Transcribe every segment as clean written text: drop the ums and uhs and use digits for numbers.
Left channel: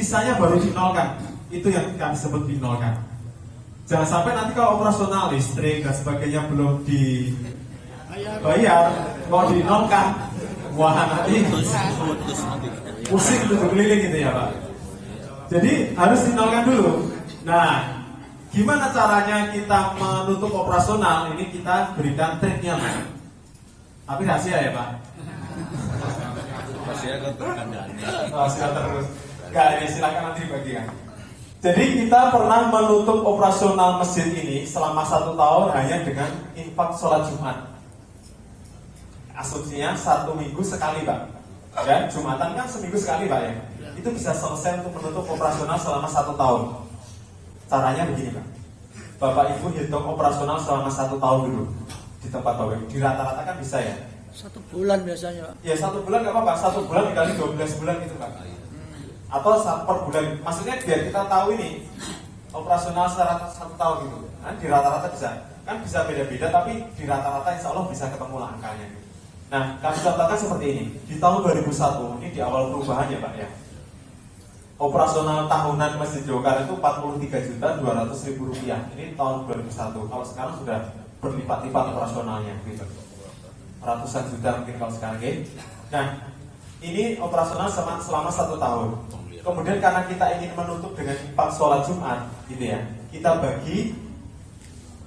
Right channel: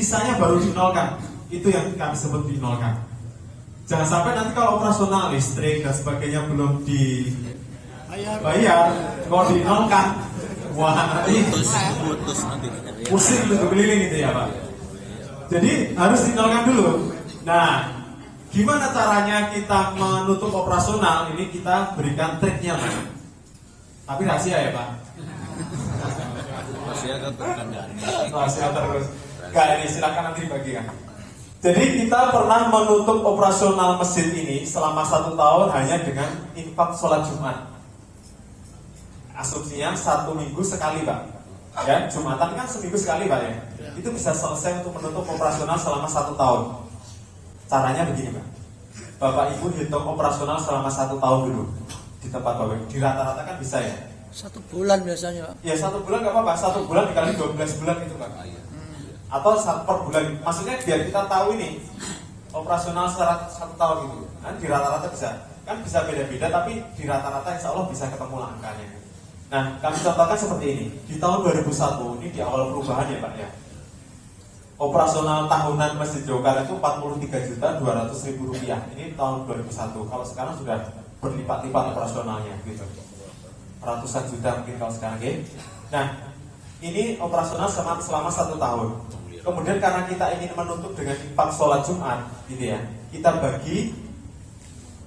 sisanya baru dinolkan. Itu yang kami sebut dinolkan. Jangan sampai nanti kalau operasional listrik dan sebagainya belum dibayar, kalau dinolkan, wah nanti pusing untuk keliling gitu ya Pak. Jadi harus dinolkan dulu. Nah, gimana caranya kita menutup operasional? Ini kita berikan triknya, tapi rahasia ya Pak. Rahasia terus. Gak, ini silakan nanti dibagikan. Jadi kita pernah menutup operasional masjid ini selama 1 tahun hanya dengan infak sholat Jumat. Asumsinya 1 minggu sekali Pak. Ya, Jumatan kan seminggu sekali Pak ya. Itu bisa selesai untuk menutup operasional selama 1 tahun. Caranya begini Pak. Bapak Ibu hitung operasional selama 1 tahun dulu di tempat Bapak. Di rata-rata kan bisa ya. 1 bulan biasanya Pak. Ya 1 bulan nggak apa-apa. 1 bulan dikali 12 bulan itu Pak. Atau per bulan. Maksudnya biar kita tahu ini operasional secara 1 tahun itu. Kan di rata-rata bisa. Kan bisa beda-beda tapi di rata-rata insya Allah bisa ketemu lah angkanya. Nah, kami contohkan seperti ini. Di tahun 2001, ini di awal perubahan ya Pak ya. Operasional tahunan Masjid Jokar itu 43.200.000 rupiah. Ini tahun 2001. Kalau sekarang sudah berlipat-lipat operasionalnya gitu. Ratusan juta mungkin kalau sekarang gitu. Nah, ini operasional selama 1 tahun. Kemudian karena kita ingin menutup dengan infak sholat Jumat gitu ya, kita bagi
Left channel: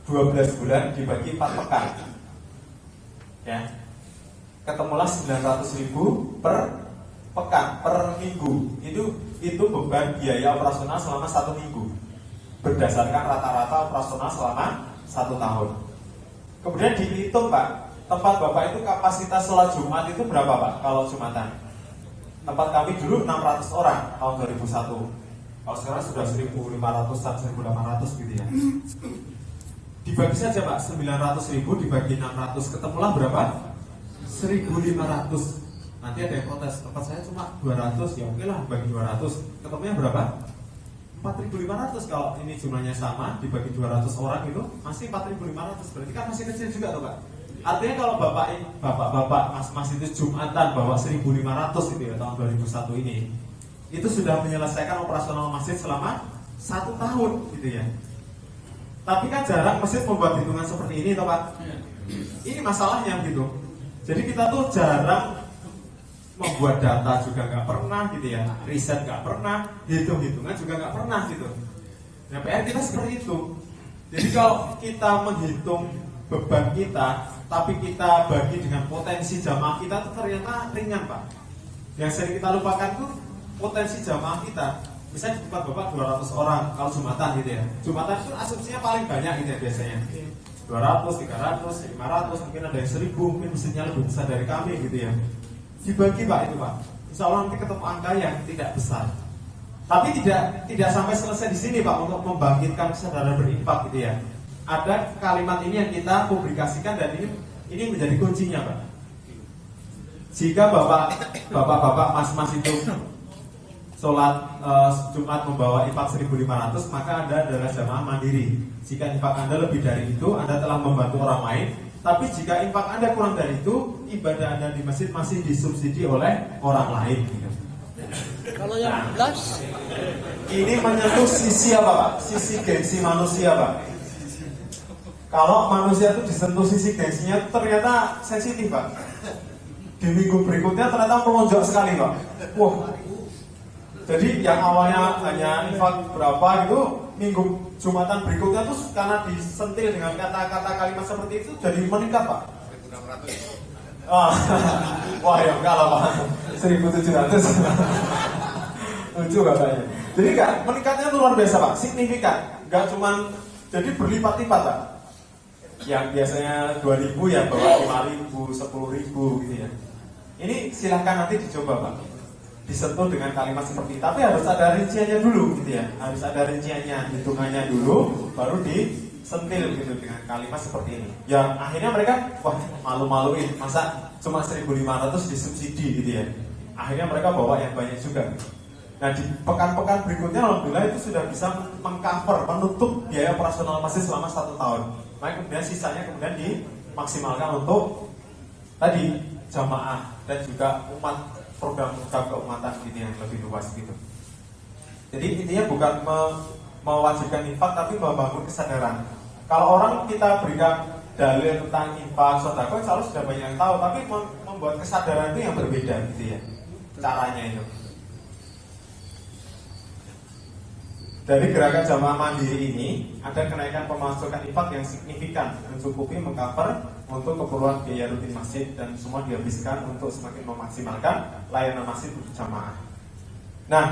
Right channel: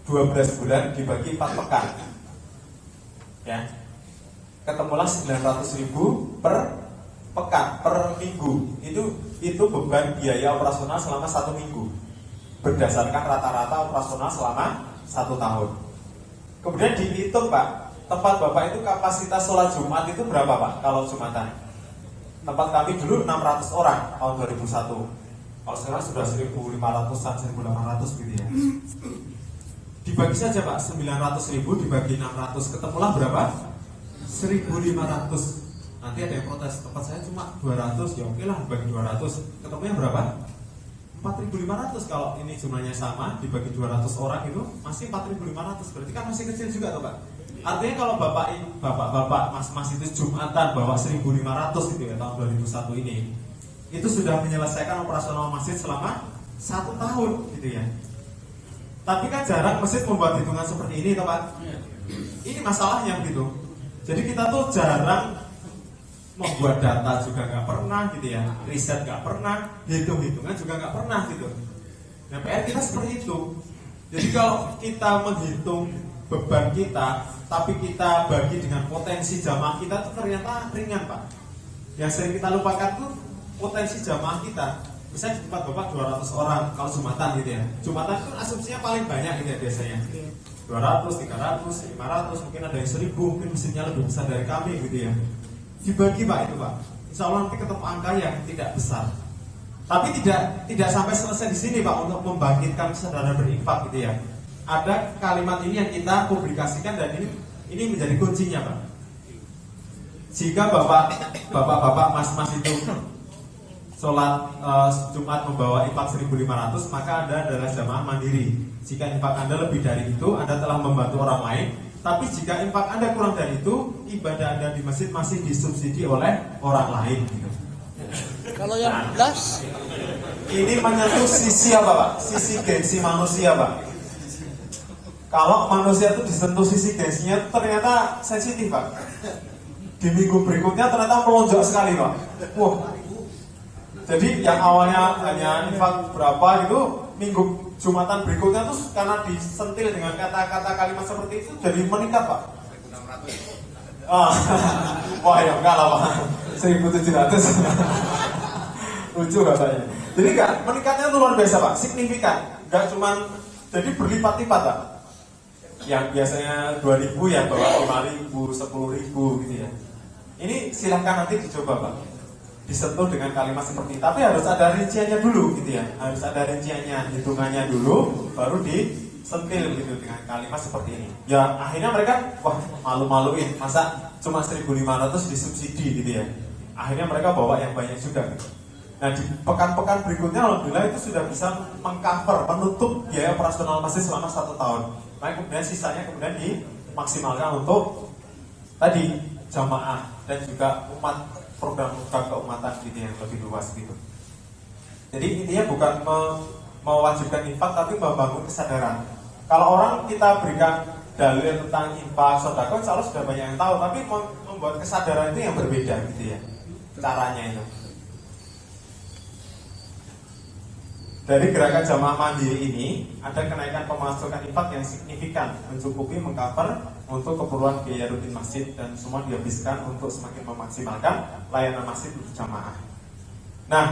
12 bulan dibagi 4 pekan. Ya. Ketemulah 900.000 per pekan, per minggu. Itu beban biaya operasional selama 1 minggu berdasarkan rata-rata operasional selama 1 tahun. Kemudian dihitung Pak, tempat Bapak itu kapasitas sholat Jumat itu berapa Pak kalau Jumatan? Tempat kami dulu 600 orang tahun 2001. Kalau sekarang sudah 1.500 dan 1.800 gitu ya. Dibagi saja Pak, 900.000 dibagi 600 ketemulah berapa? 1.500. Nanti ada yang protes, tempat saya cuma 200, ya oke lah bagi 200. Ketemunya berapa? 4.500. Kalau ini jumlahnya sama dibagi 200 orang itu masih 4.500. Berarti kan masih kecil juga tuh Pak. Artinya kalau bapak mas itu Jumatan bawa 1.500 itu ya tahun 2001 ini, itu sudah menyelesaikan operasional masjid selama 1 tahun gitu ya. Tapi kan jarang masjid membuat hitungan seperti ini toh Pak. Ini masalahnya gitu. Jadi kita tuh jarang membuat data juga nggak pernah gitu ya, riset nggak pernah, hitung-hitungan juga nggak pernah gitu. Nah PR kita seperti itu. Jadi kalau kita menghitung beban kita, tapi kita bagi dengan potensi jamaah kita itu ternyata ringan Pak. Yang sering kita lupakan tuh potensi jamaah kita. Misalnya di tempat Bapak 200 orang kalau Jumatan gitu ya. Jumatan itu asumsinya paling banyak gitu ya biasanya. 200, 300, 500, mungkin ada yang 1.000, mungkin mesinnya lebih besar dari kami gitu ya. Dibagi Pak itu Pak. Insya Allah nanti ketemu angka yang tidak besar. Tapi tidak sampai selesai di sini Pak untuk membangkitkan kesadaran berinfak gitu ya. Ada kalimat ini yang kita publikasikan dan ini menjadi kuncinya Pak. Jika bapak-bapak mas-mas itu sholat Jumat membawa infak 1.500, maka Anda adalah jamaah mandiri. Jika infak Anda lebih dari itu, Anda telah membantu orang lain. Tapi jika infak Anda kurang dari itu, ibadah Anda di masjid masih disubsidi oleh orang lain gitu. Kalau yang belas, ini menyentuh sisi apa Pak? Sisi gengsi manusia Pak. Kalau manusia itu disentuh sisi gengsinya ternyata sensitif Pak. Di minggu berikutnya ternyata melonjak sekali Pak. Wah. Jadi yang awalnya hanya infak berapa itu, minggu Jumatan berikutnya tuh karena disentil dengan kata-kata kalimat seperti itu jadi meningkat Pak. Oh. Wah ya enggak lah Pak. 1.700. Lucu katanya. Jadi enggak, meningkatnya itu luar biasa Pak, signifikan. Enggak cuman jadi berlipat-lipat Pak. Yang biasanya 2.000 ya bawa 5.000, 10.000 gitu ya. Ini silahkan nanti dicoba Pak. Disentuh dengan kalimat seperti itu. Tapi harus ada rinciannya dulu gitu ya. Harus ada rinciannya, hitungannya dulu, baru disentil gitu dengan kalimat seperti ini. Ya akhirnya mereka wah malu-maluin, masa cuma 1.500 disubsidi gitu ya. Akhirnya mereka bawa yang banyak juga gitu. Nah di pekan-pekan berikutnya alhamdulillah itu sudah bisa mengcover, menutup biaya operasional masjid selama 1 tahun. Maka kemudian sisanya kemudian dimaksimalkan untuk tadi jamaah dan juga umat, program keumatan gitu yang lebih luas gitu. Jadi intinya bukan mewajibkan infak, tapi membangun kesadaran. Kalau orang kita berikan dalil tentang infak, sedekah, insya Allah sudah banyak yang tahu, tapi membuat kesadaran itu yang berbeda gitu ya, caranya itu. Dari gerakan jamaah mandiri ini ada kenaikan pemasukan infak yang signifikan, mencukupi mengcover untuk keperluan biaya rutin masjid, dan semua dihabiskan untuk semakin memaksimalkan layanan masjid berjamaah. Nah,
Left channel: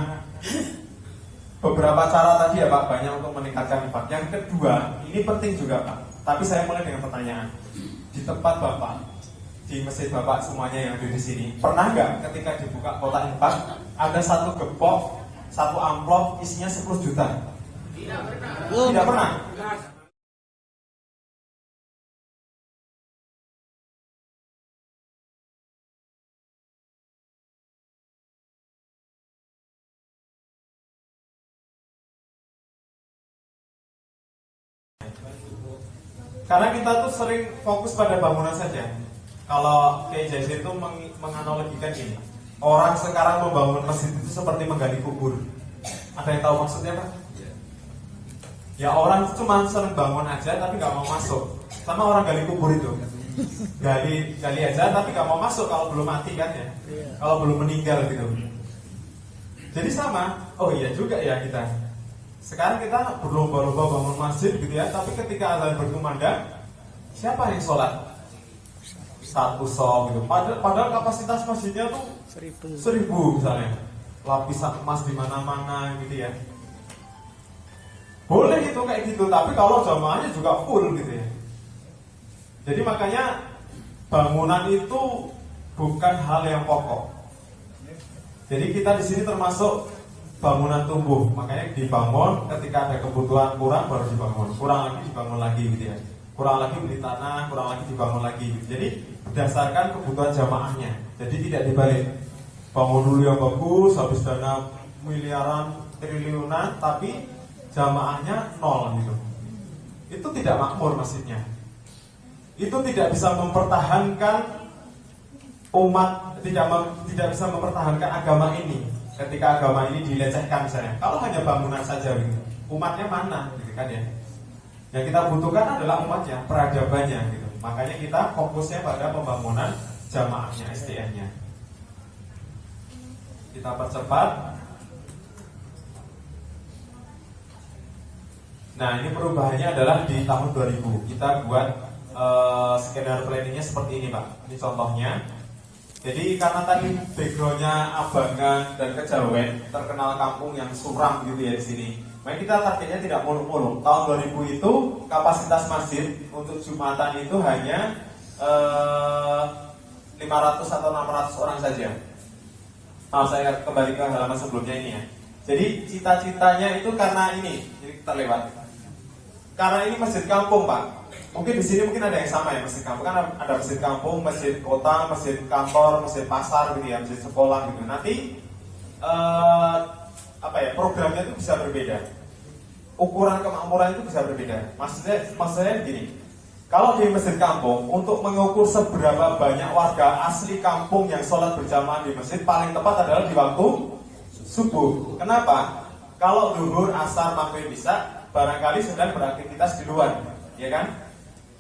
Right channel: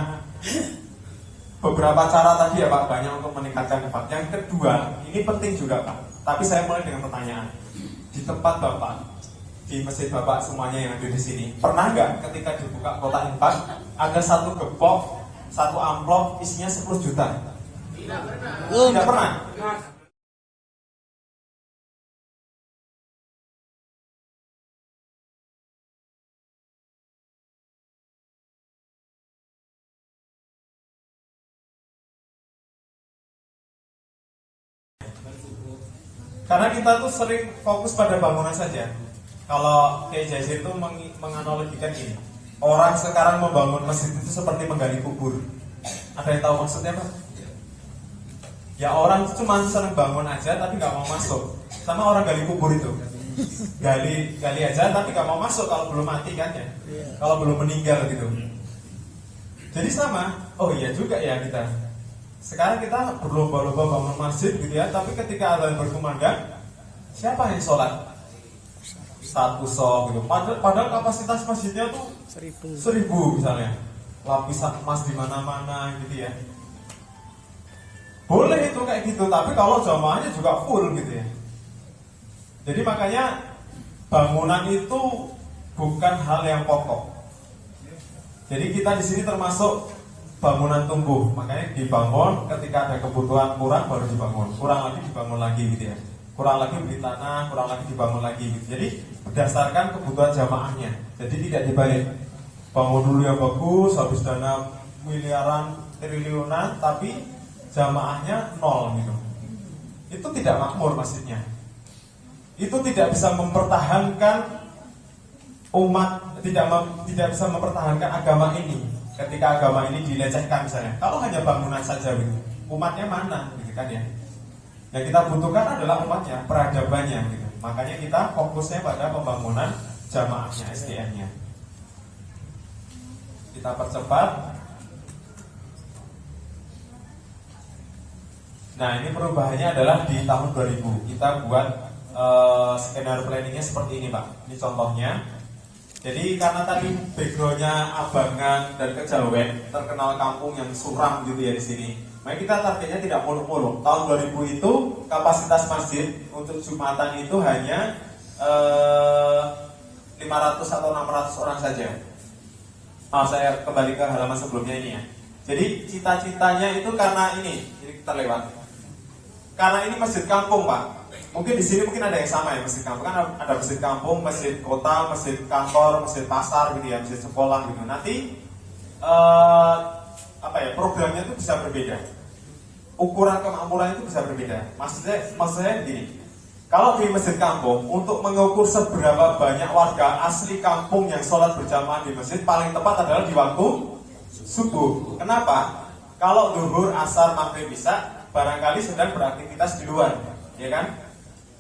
beberapa cara tadi ya Pak, banyak untuk meningkatkan infak. Yang kedua, ini penting juga Pak, tapi saya mulai dengan pertanyaan. Di tempat Bapak, di masjid Bapak semuanya yang ada di sini, pernah nggak ketika dibuka kotak infak ada satu gepok, satu amplop isinya 10 juta? Tidak pernah. Tidak pernah. Karena kita tuh sering fokus pada bangunan saja. Kalau Kiai Jazir itu menganalogikan gini, orang sekarang membangun masjid itu seperti menggali kubur. Ada yang tahu maksudnya Pak? Ya orang cuma senang bangun aja tapi nggak mau masuk. Sama orang gali kubur itu, gali aja tapi nggak mau masuk kalau belum mati kan ya, kalau belum meninggal gitu. Jadi sama, oh iya juga ya kita. Sekarang kita berlomba-lomba bangun masjid gitu ya, tapi ketika azan berkumandang, siapa yang sholat? Satu sholat gitu. Padahal kapasitas masjidnya tuh 1000 misalnya, lapisan emas di mana-mana gitu ya. Boleh itu kayak gitu, tapi kalau jamaahnya juga full gitu ya. Jadi makanya bangunan itu bukan hal yang pokok. Jadi kita di sini termasuk bangunan tumbuh, makanya dibangun ketika ada kebutuhan kurang baru dibangun, kurang lagi dibangun lagi gitu ya, kurang lagi beli tanah, kurang lagi dibangun lagi gitu. Jadi berdasarkan kebutuhan jamaahnya, jadi tidak dibalik bangun dulu yang bagus, habis dana miliaran, triliunan, tapi jamaahnya nol gitu. Itu tidak makmur masjidnya. Itu tidak bisa mempertahankan umat, tidak bisa mempertahankan agama ini. Ketika agama ini dilecehkan misalnya, kalau hanya bangunan saja gitu, umatnya mana gitu kan ya. Yang kita butuhkan adalah umatnya, peradabannya gitu. Makanya kita fokusnya pada pembangunan jamaahnya, SDM-nya. Kita percepat. Nah, ini perubahannya adalah di tahun 2000. Kita buat skenario planningnya seperti ini Pak. Ini contohnya. Jadi karena tadi backgroundnya Abangan dan Kejawen, terkenal kampung yang suram gitu ya di sini. Maka kita targetnya tidak muluk-muluk. Tahun 2000 itu kapasitas masjid untuk Jumatan itu hanya 500 atau 600 orang saja. Mau saya kembali ke halaman sebelumnya ini ya. Jadi cita-citanya itu karena ini terlewat. Karena ini masjid kampung Pak. Mungkin di sini mungkin ada yang sama ya, masjid kampung kan ada masjid kampung, masjid kota, masjid kantor, masjid pasar gitu ya, masjid sekolah gitu. Nanti programnya itu bisa berbeda, ukuran kemakmuran itu bisa berbeda. Maksudnya begini, kalau di masjid kampung untuk mengukur seberapa banyak warga asli kampung yang sholat berjamaah di masjid, paling tepat adalah di waktu subuh. Kenapa? Kalau zuhur, asar, maghrib, isya barangkali sedang beraktivitas di luar, ya kan?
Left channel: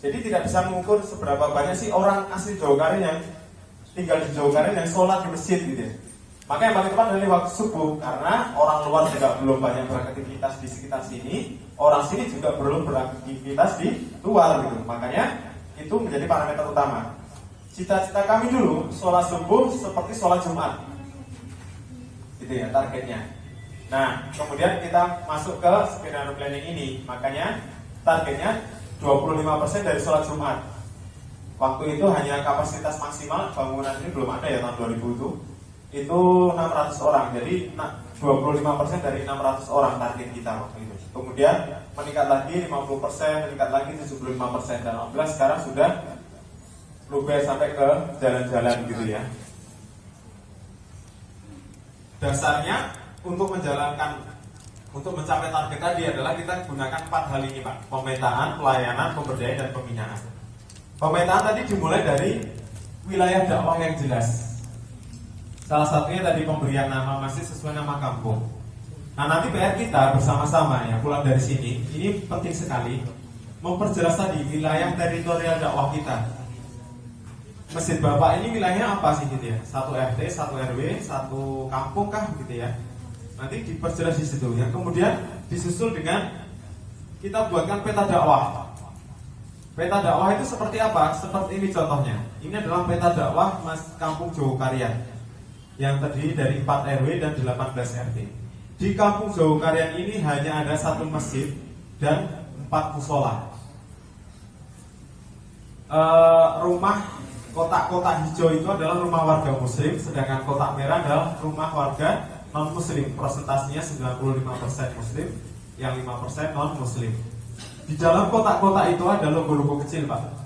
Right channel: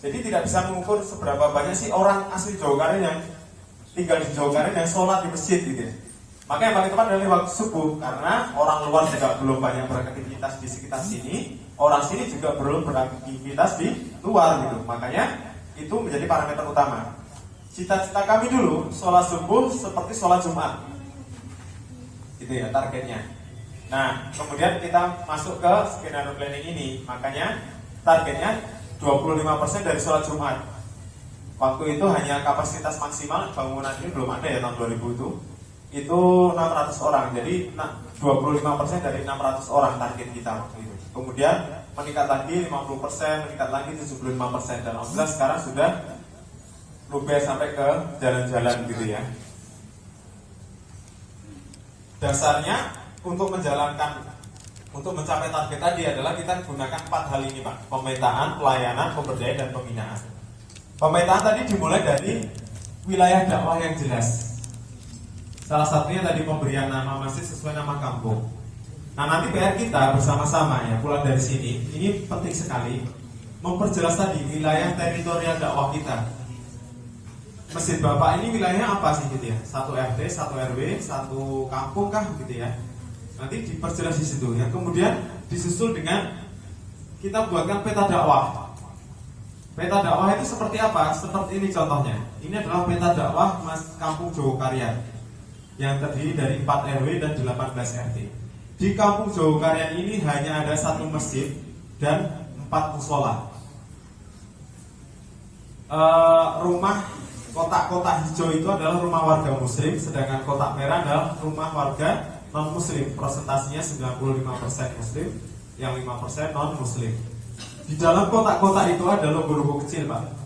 Jadi tidak bisa mengukur seberapa banyak sih orang asli Jawa Karen yang tinggal di Jawa Karen yang sholat di masjid gitu ya. Maka yang paling tepat adalah waktu subuh, karena orang luar juga belum banyak beraktivitas di sekitar sini, orang sini juga belum beraktivitas di luar gitu. Makanya itu menjadi parameter utama. Cita-cita kami dulu sholat subuh seperti sholat Jumat, gitu ya targetnya. Nah kemudian kita masuk ke skenario planning ini, makanya targetnya 25% dari sholat Jumat. Waktu itu hanya kapasitas maksimal bangunan ini belum ada ya tahun 2000 itu 600 orang. Jadi 25% dari 600 orang target kita waktu itu. Kemudian meningkat lagi 50%, meningkat lagi 75%, dan alhamdulillah sekarang sudah luber sampai ke jalan-jalan gitu ya. Dasarnya untuk mencapai target tadi adalah kita gunakan 4 hal ini Pak. Pemetaan, pelayanan, pemberdayaan, dan pembinaan. Pemetaan tadi dimulai dari wilayah dakwah yang jelas. Salah satunya tadi pemberian nama masjid sesuai nama kampung. Nah, nanti PR kita bersama-sama ya, pulang dari sini, ini penting sekali memperjelas tadi wilayah teritorial dakwah kita. Masjid Bapak ini wilayahnya apa sih gitu ya? Satu RT, satu RW, satu kampung kah gitu ya? Nanti diperjelas di situ ya. Kemudian disusul dengan kita buatkan peta dakwah. Peta dakwah itu seperti apa? Seperti ini contohnya. Ini adalah peta dakwah Kampung Jogokaryan yang terdiri dari 4 RW dan 18 RT. Di Kampung Jogokaryan ini hanya ada 1 masjid dan 4 musola. Rumah kotak-kotak hijau itu adalah rumah warga muslim, sedangkan kotak merah adalah rumah warga non muslim. Persentasinya 95% muslim, yang 5% non muslim. Di dalam kotak-kotak itu ada logo-logo kecil, Pak.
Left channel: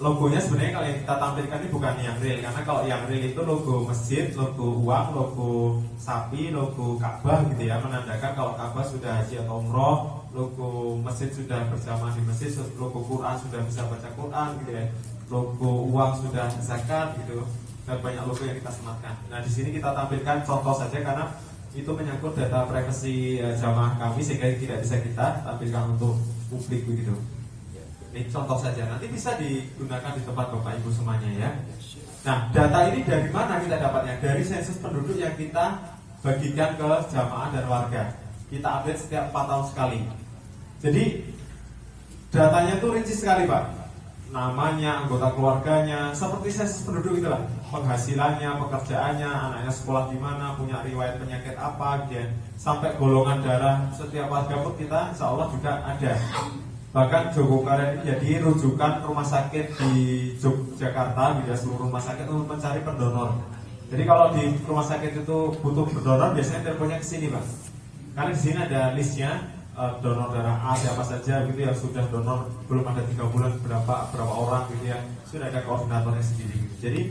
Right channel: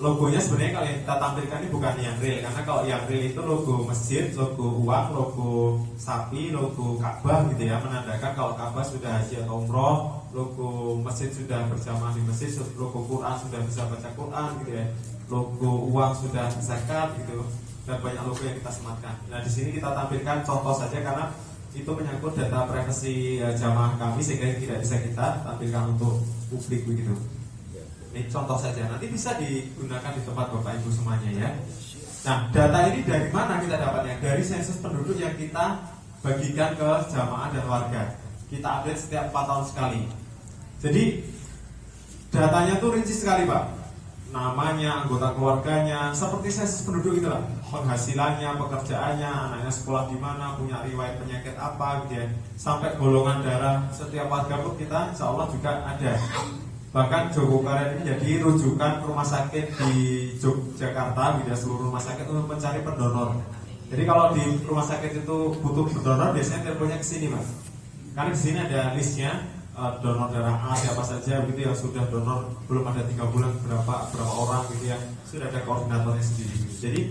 Logonya sebenarnya kalau yang kita tampilkan ini bukan yang real, karena kalau yang real itu logo masjid, logo uang, logo sapi, logo Ka'bah gitu ya, menandakan kalau Ka'bah sudah haji atau umroh, logo masjid sudah berjamaah di masjid, logo Quran sudah bisa baca Quran gitu ya, logo uang sudah zakat gitu, dan banyak logo yang kita sematkan. Nah di sini kita tampilkan contoh saja karena itu menyangkut data privasi jamaah kami sehingga tidak bisa kita tampilkan untuk publik begitu. Ini contoh saja, nanti bisa digunakan di tempat Bapak Ibu semuanya ya. Nah, data ini dari mana kita dapatnya? Dari sensus penduduk yang kita bagikan ke jamaah dan warga. Kita update setiap 4 tahun sekali. Jadi datanya tuh rinci sekali, Pak. Namanya, anggota keluarganya, seperti sensus penduduk gitu lah. Penghasilannya, pekerjaannya, anaknya sekolah di mana, punya riwayat penyakit apa, gitu ya. Sampai golongan darah setiap warga pun kita insya Allah juga ada. Bahkan Jogokaryan ini jadi rujukan rumah sakit di Yogyakarta, di seluruh rumah sakit untuk mencari pendonor. Jadi kalau di rumah sakit itu butuh pendonor, biasanya teleponnya ke sini, Mas. Karena di sini ada listnya donor darah A siapa saja gitu yang sudah donor belum ada 3 bulan berapa orang gitu ya, sudah ada koordinatornya sendiri gitu. Jadi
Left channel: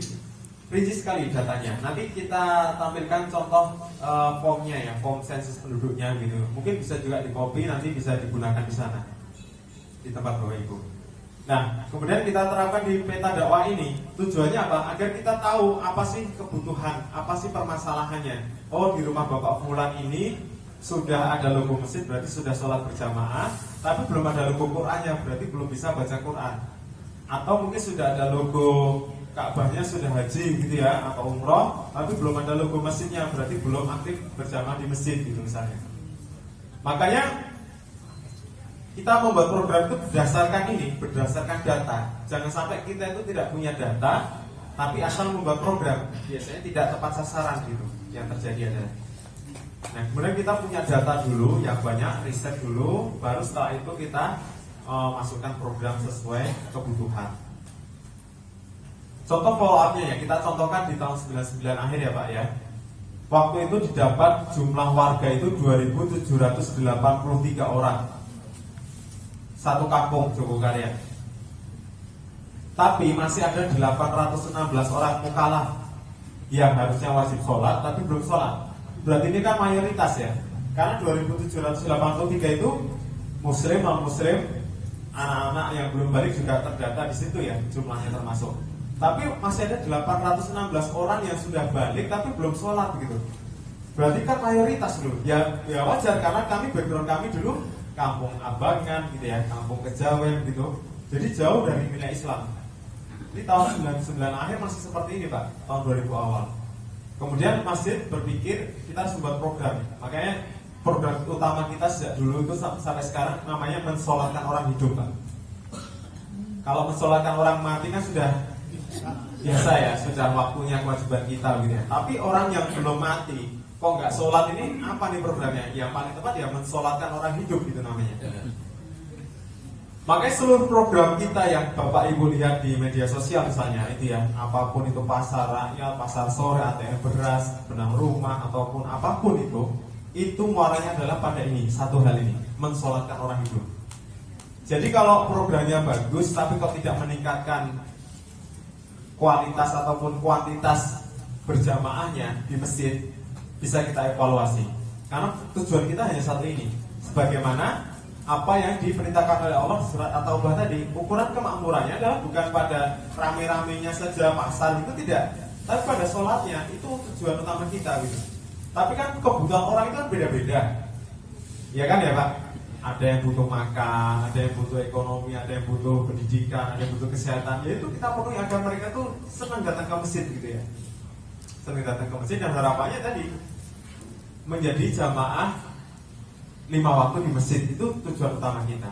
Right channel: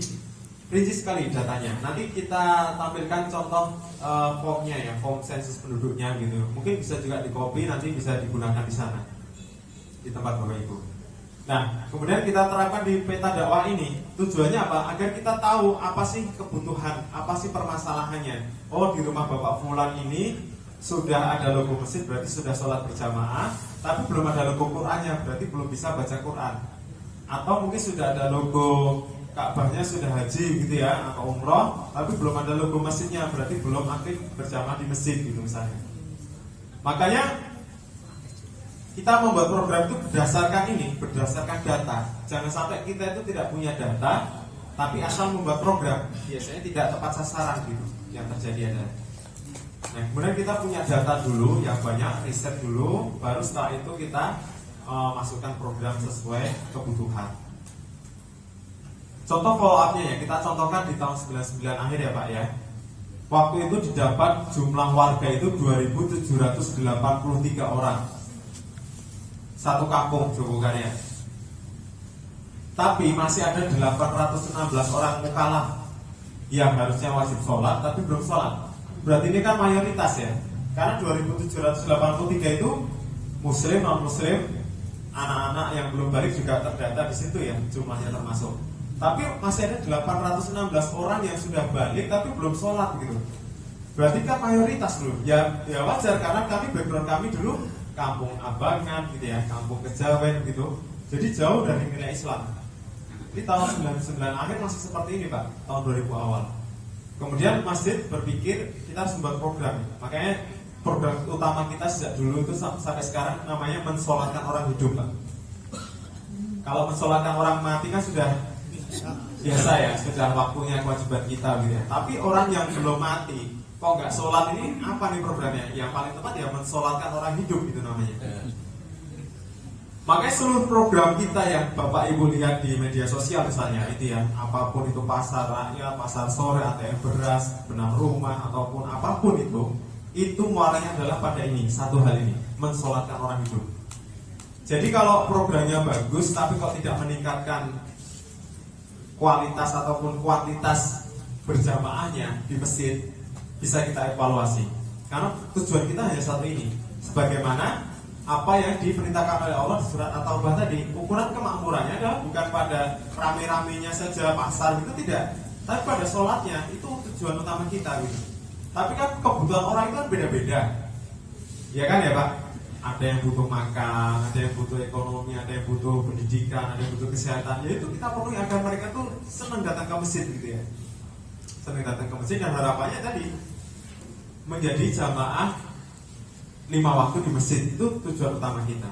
rinci sekali datanya. Nanti kita tampilkan contoh formnya ya, form sensus penduduknya gitu. Mungkin bisa juga di copy, nanti bisa digunakan di sana di tempat Bapak Ibu. Nah, kemudian kita terapkan di peta dakwah ini. Tujuannya apa? Agar kita tahu apa sih kebutuhan, apa sih permasalahannya. Oh, di rumah Bapak Fulan ini sudah ada logo masjid, berarti sudah sholat berjamaah, tapi belum ada logo Qur'annya, berarti belum bisa baca Qur'an. Atau mungkin sudah ada logo Ka'bahnya, sudah haji gitu ya, atau umroh, tapi belum ada logo masjidnya, berarti belum aktif berjamaah di masjid gitu misalnya. Makanya kita membuat program itu berdasarkan data. Jangan sampai kita itu tidak punya data, tapi asal membuat program, biasanya tidak tepat sasaran gitu. Yang terjadi adalah. Nah, kemudian kita punya data dulu yang banyak, riset dulu, baru setelah itu kita masukkan program sesuai kebutuhan. Contoh follow up-nya ya, kita contohkan di tahun 99 akhir ya Pak ya. Waktu itu didapat jumlah warga itu 2.783 orang. Satu kampung Jogokaryan. Tapi masih ada 816 orang mukallaf yang harusnya wajib sholat tapi belum sholat. Berarti ini kan mayoritas ya. Karena 2.783 itu muslim, non muslim, anak-anak yang belum balik juga terdata di situ ya, jumlahnya termasuk. Tapi masih ada 816 orang yang sudah balik tapi belum sholat gitu. Berarti kan mayoritas loh. Ya wajar karena background kami dulu kampung Abangan gitu ya, kampung Kejawen gitu. Jadi jauh dari nilai Islam. Di tahun 99 akhir masih seperti ini Pak, tahun 2000 awal. Kemudian masjid berpikir kita harus membuat program. Makanya program utama kita sejak dulu itu sampai sekarang namanya mensolatkan orang hidup Pak. Kalau mensolatkan orang mati kan sudah biasa ya, sudah waktunya kewajiban kita gitu ya. Tapi orang yang belum mati kok nggak sholat ini apa nih programnya? Yang paling tepat ya mensolatkan orang hidup itu namanya. Makanya seluruh program kita yang Bapak Ibu lihat di media sosial misalnya itu ya, apapun itu pasar rakyat, pasar sore, ATM beras, benang rumah ataupun apapun itu muaranya adalah pada ini, satu hal ini, mensolatkan orang hidup. Jadi kalau programnya bagus tapi kok tidak meningkatkan kualitas ataupun kuantitas berjamaahnya di masjid, bisa kita evaluasi. Karena tujuan kita hanya satu ini, sebagaimana apa yang diperintahkan oleh Allah di surat At-Taubah tadi. Ukuran kemakmurannya adalah bukan pada rame-ramenya saja pasar itu tidak, tapi pada sholatnya. Itu tujuan utama kita gitu. Tapi kan kebutuhan orang itu kan beda-beda. Ya kan ya Pak? Ada yang butuh makan, ada yang butuh ekonomi, ada yang butuh pendidikan, ada yang butuh kesehatan. Ya itu kita penuhi agar mereka tuh senang datang ke masjid gitu ya. Senang datang ke masjid dan harapannya tadi menjadi jamaah 5 waktu di masjid, itu tujuan utama kita.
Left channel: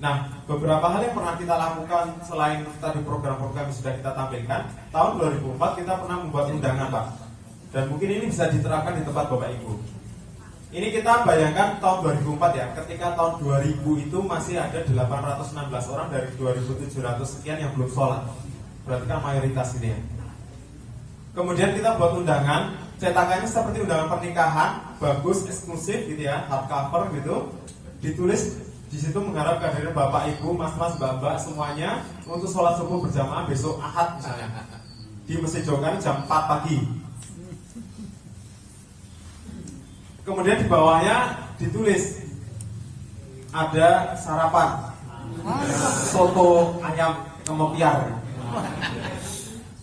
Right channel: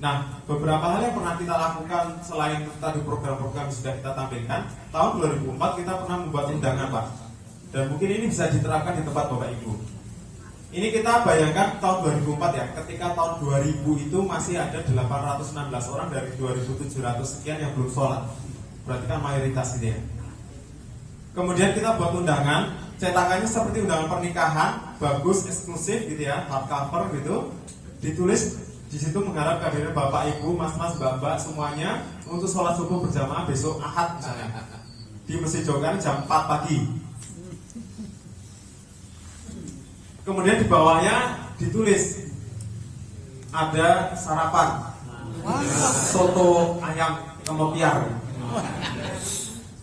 Nah, beberapa hal yang pernah kita lakukan selain tadi program-program yang sudah kita tampilkan, tahun 2004 kita pernah membuat undangan Pak. Dan mungkin ini bisa diterapkan di tempat Bapak Ibu. Ini kita bayangkan tahun 2004 ya, ketika tahun 2000 itu masih ada 816 orang dari 2700 sekian yang belum sholat. Berarti kan mayoritas ini ya. Kemudian kita buat undangan, cetakannya seperti undangan pernikahan, bagus, eksklusif gitu ya, hardcover gitu. Ditulis di situ mengharap kehadiran Bapak Ibu, Mas-mas, Mbak-mbak semuanya untuk sholat subuh berjamaah besok Ahad misalnya di Masjid Jokan jam 4 pagi. Kemudian di bawahnya ditulis ada sarapan soto ayam kemotiar,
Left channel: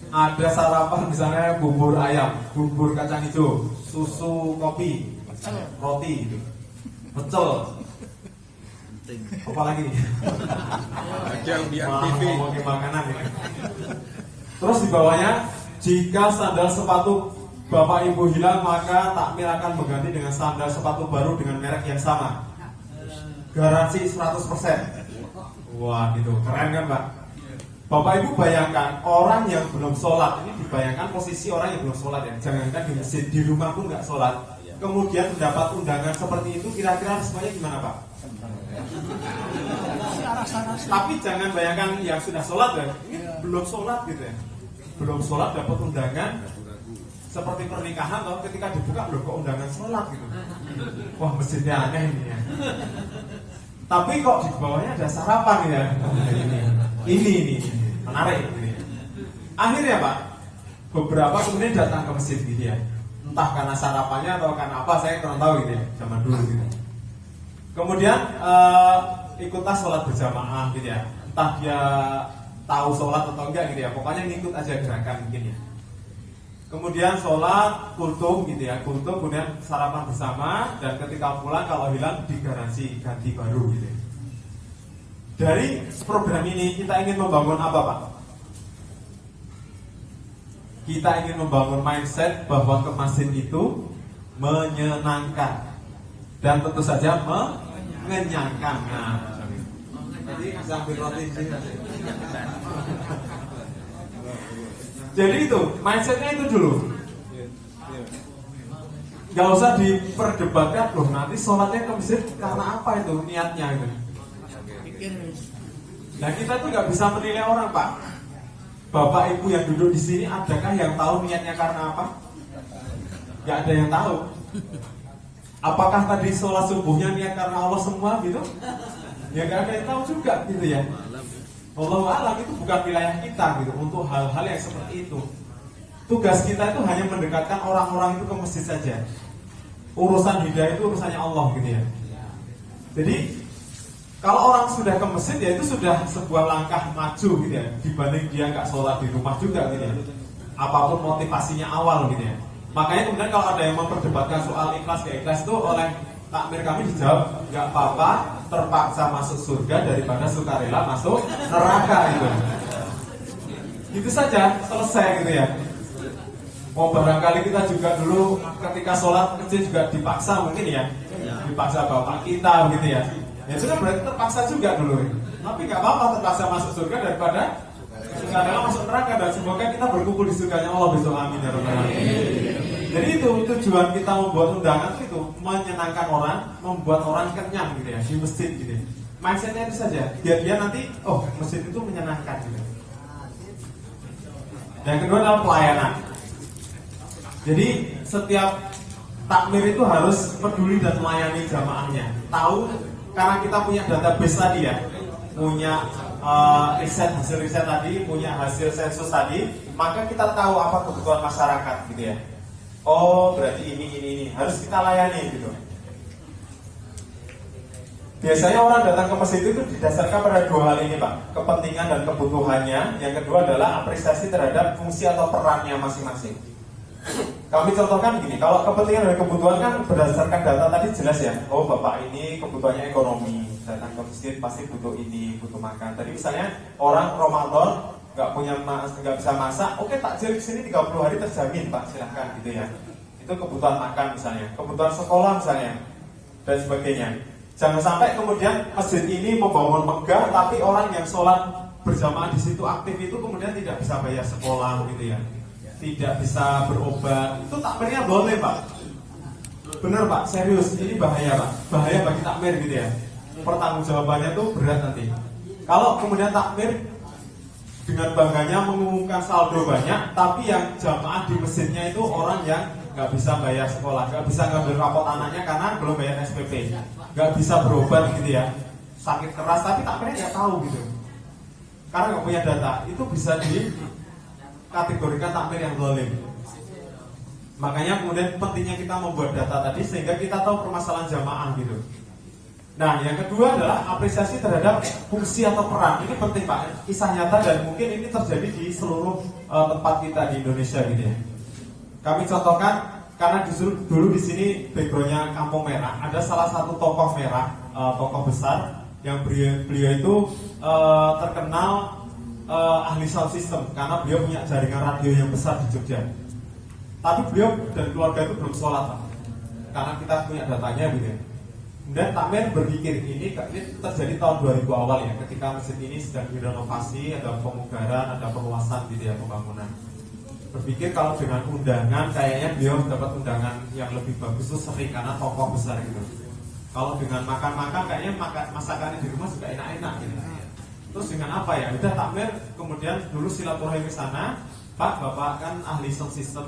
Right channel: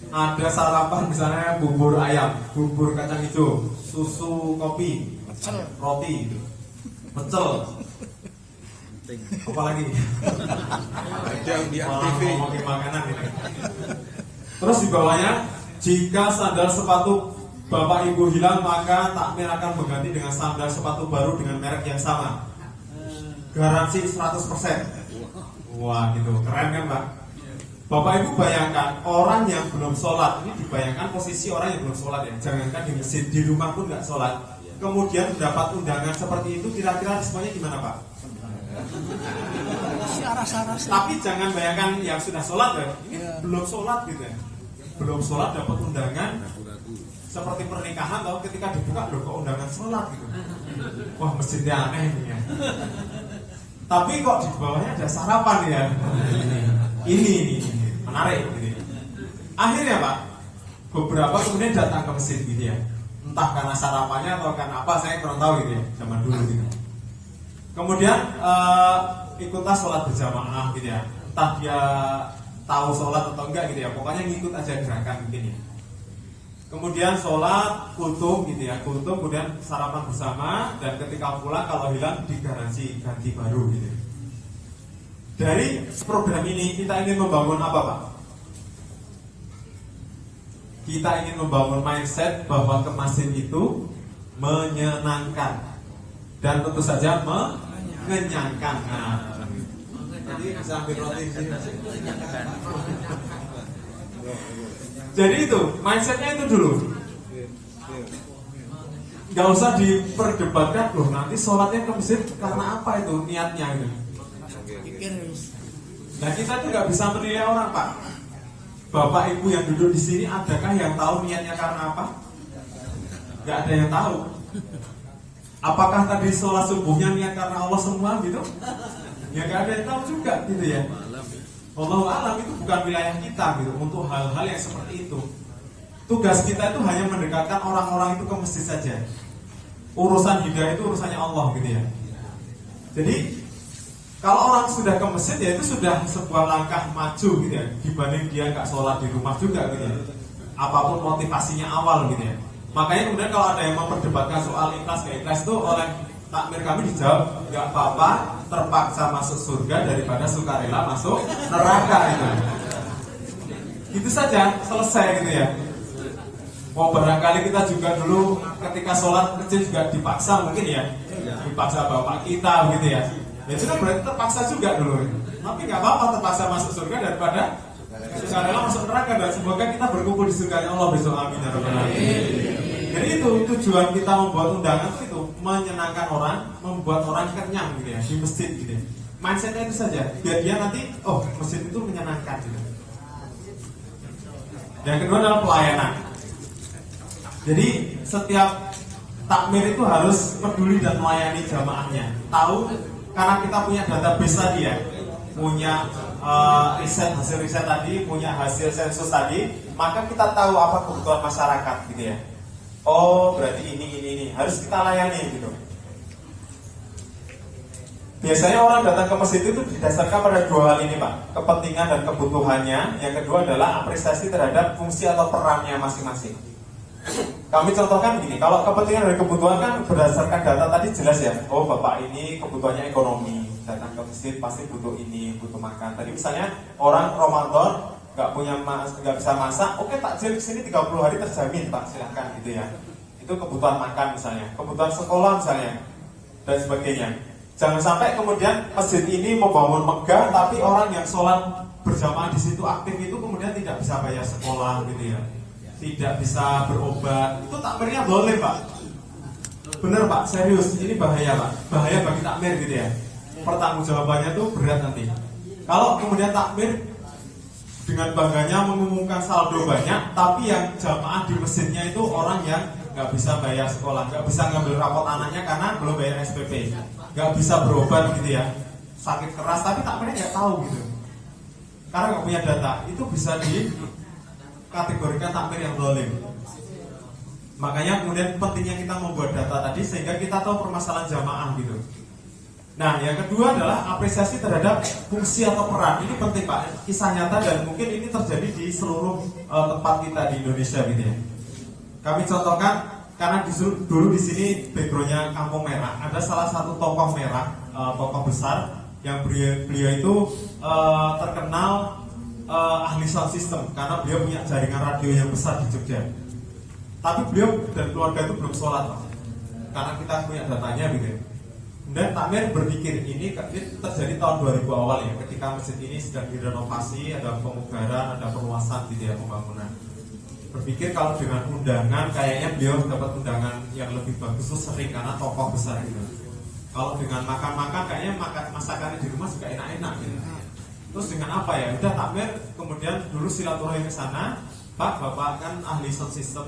ada sarapan misalnya bubur ayam, bubur kacang hijau, susu kopi, roti, pecel, apa lagi? Ada undian TV. Ngomongin makanan ini. Terus di bawahnya, jika sandal sepatu Bapak Ibu hilang, maka takmir akan mengganti dengan sandal sepatu baru dengan merek yang sama. Garansi 100%. Wah gitu, keren kan Pak? Bapak Ibu bayangkan, orang yang belum sholat, ini dibayangkan posisi orang yang belum sholat ya. Jangankan di masjid, di rumah pun nggak sholat. Kemudian mendapat undangan seperti itu, kira-kira semuanya gimana Pak? Tapi jangan bayangkan yang sudah sholat ya, ini belum sholat gitu ya. Belum sholat dapat undangan seperti pernikahan, atau ketika dibuka loh kok undangan sholat gitu. Wah masjidnya aneh ini ya. Tapi kok di bawahnya ada sarapan ya. Ini menarik ini. Akhirnya Pak, beberapa kemudian datang ke masjid gitu ya. Entah karena sarapannya atau karena apa, saya kurang tahu gitu ya, zaman dulu gitu. Kemudian ikutlah sholat berjamaah gitu ya. Entah dia tahu sholat atau enggak gitu ya, pokoknya ngikut aja gerakan mungkin ya. Kemudian sholat, kultum gitu ya, kultum, kemudian sarapan bersama, dan ketika pulang kalau hilang digaransi ganti baru gitu ya. Dari program ini kita ingin membangun apa Pak? Kita ingin membangun mindset bahwa ke masjid itu menyenangkan dan tentu saja mengenyangkan. Nah, nanti bisa ambil roti di sini. Jadi itu mindsetnya itu dulu. Gak usah diperdebatkan loh nanti sholatnya ke masjid karena apa itu niatnya itu. Nah kita itu nggak bisa menilai orang Pak. Bapak Ibu yang duduk di sini adakah yang tahu niatnya karena apa? Gak ada yang tahu. Apakah tadi sholat subuhnya niat karena Allah semua gitu? Ya gak ada yang tahu juga gitu ya. Wallahu a'lam, itu bukan wilayah kita gitu untuk hal-hal yang seperti itu. Tugas kita itu hanya mendekatkan orang-orang itu ke masjid saja. Urusan hidayah itu urusannya Allah gitu ya. Jadi kalau orang sudah ke masjid ya itu sudah sebuah langkah maju gitu ya, dibanding dia nggak sholat di rumah juga gitu ya. Apapun motivasinya awal gitu ya. Makanya kemudian kalau ada yang memperdebatkan soal ikhlas gak ikhlas itu oleh takmir kami dijawab nggak apa-apa, terpaksa masuk surga daripada sukarela masuk neraka itu. Itu saja, selesai gitu ya. Oh barangkali kita juga dulu ketika sholat kecil juga dipaksa mungkin ya, dipaksa bapak kita gitu ya. Ya itu kan berarti terpaksa juga dulu. Tapi nggak apa-apa terpaksa masuk surga daripada sukarela masuk neraka, dan semoga kita berkumpul di surganya Allah besok, amin ya rabbal alamin. Jadi itu tujuan kita membuat undangan itu menyenangkan orang, membuat orang kenyang gitu ya di masjid gitu. Mindsetnya itu saja, biar dia nanti oh masjid itu menyenangkan gitu. Yang kedua adalah pelayanan. Jadi setiap takmir itu harus peduli dan melayani jamaahnya. Tahu karena kita punya database tadi ya, punya hasil riset tadi, punya hasil sensus tadi, maka kita tahu apa kebutuhan masyarakat gitu ya. Oh berarti ini harus kita layani gitu. Biasanya orang datang ke masjid itu didasarkan pada dua hal ini Pak, kepentingan dan kebutuhannya. Yang kedua adalah apresiasi terhadap fungsi atau perannya masing-masing. Kami contohkan begini, kalau kepentingan dan kebutuhan kan berdasarkan data tadi jelas ya. Oh bapak ini kebutuhannya ekonomi, datang ke masjid pasti butuh ini, butuh makan. Tadi misalnya orang Ramadan nggak bisa masak, oke takjil di sini 30 hari terjamin pak, silahkan gitu ya. Itu kebutuhan makan misalnya, kebutuhan sekolah misalnya, dan sebagainya. Jangan sampai kemudian masjid ini membangun megah, tapi orang yang sholat berjamaah di situ aktif itu kemudian tidak bisa bayar sekolah gitu ya. Tidak bisa berobat, itu takmirnya boleh pak. Bener pak, serius, ini bahaya pak, bahaya bagi takmir gitu ya. Pertanggungjawabannya tuh berat nanti. Kalau kemudian takmir dengan bangganya mengumumkan saldo banyak, tapi yang jamaah di masjidnya itu orang yang nggak bisa bayar sekolah, nggak bisa ngambil rapot anaknya karena belum bayar SPP, nggak bisa berobat gitu ya, sakit keras, tapi takmirnya nggak tahu gitu, karena nggak punya data, itu bisa dikategorikan takmir yang zalim. Makanya kemudian pentingnya kita membuat data tadi sehingga kita tahu permasalahan jamaah gitu. Nah, yang kedua adalah apresiasi terhadap fungsi atau peran. Ini penting pak, kisah nyata dan mungkin ini terjadi di seluruh tempat kita di Indonesia gitu ya. Kami contohkan karena dulu di sini backgroundnya Kampung Merah, ada salah satu tokoh merah, tokoh besar yang beliau itu terkenal ahli sound system karena beliau punya jaringan radio yang besar di Jogja. Tapi beliau dan keluarga itu belum sholat pak, karena kita punya datanya gitu. Dan takmir berpikir ini terjadi tahun 2000 awal ya, ketika masjid ini sedang direnovasi, ada pemugaran, ada perluasan gitu ya, pembangunan. Berpikir kalau dengan undangan kayaknya beliau dapat undangan yang lebih bagus itu sering karena tokoh besar gitu. Kalau dengan makan-makan kayaknya masakannya di rumah juga enak-enak gitu. Terus dengan apa ya? Udah takmir kemudian dulu silaturahmi ke sana, Pak, Bapak kan ahli sound system,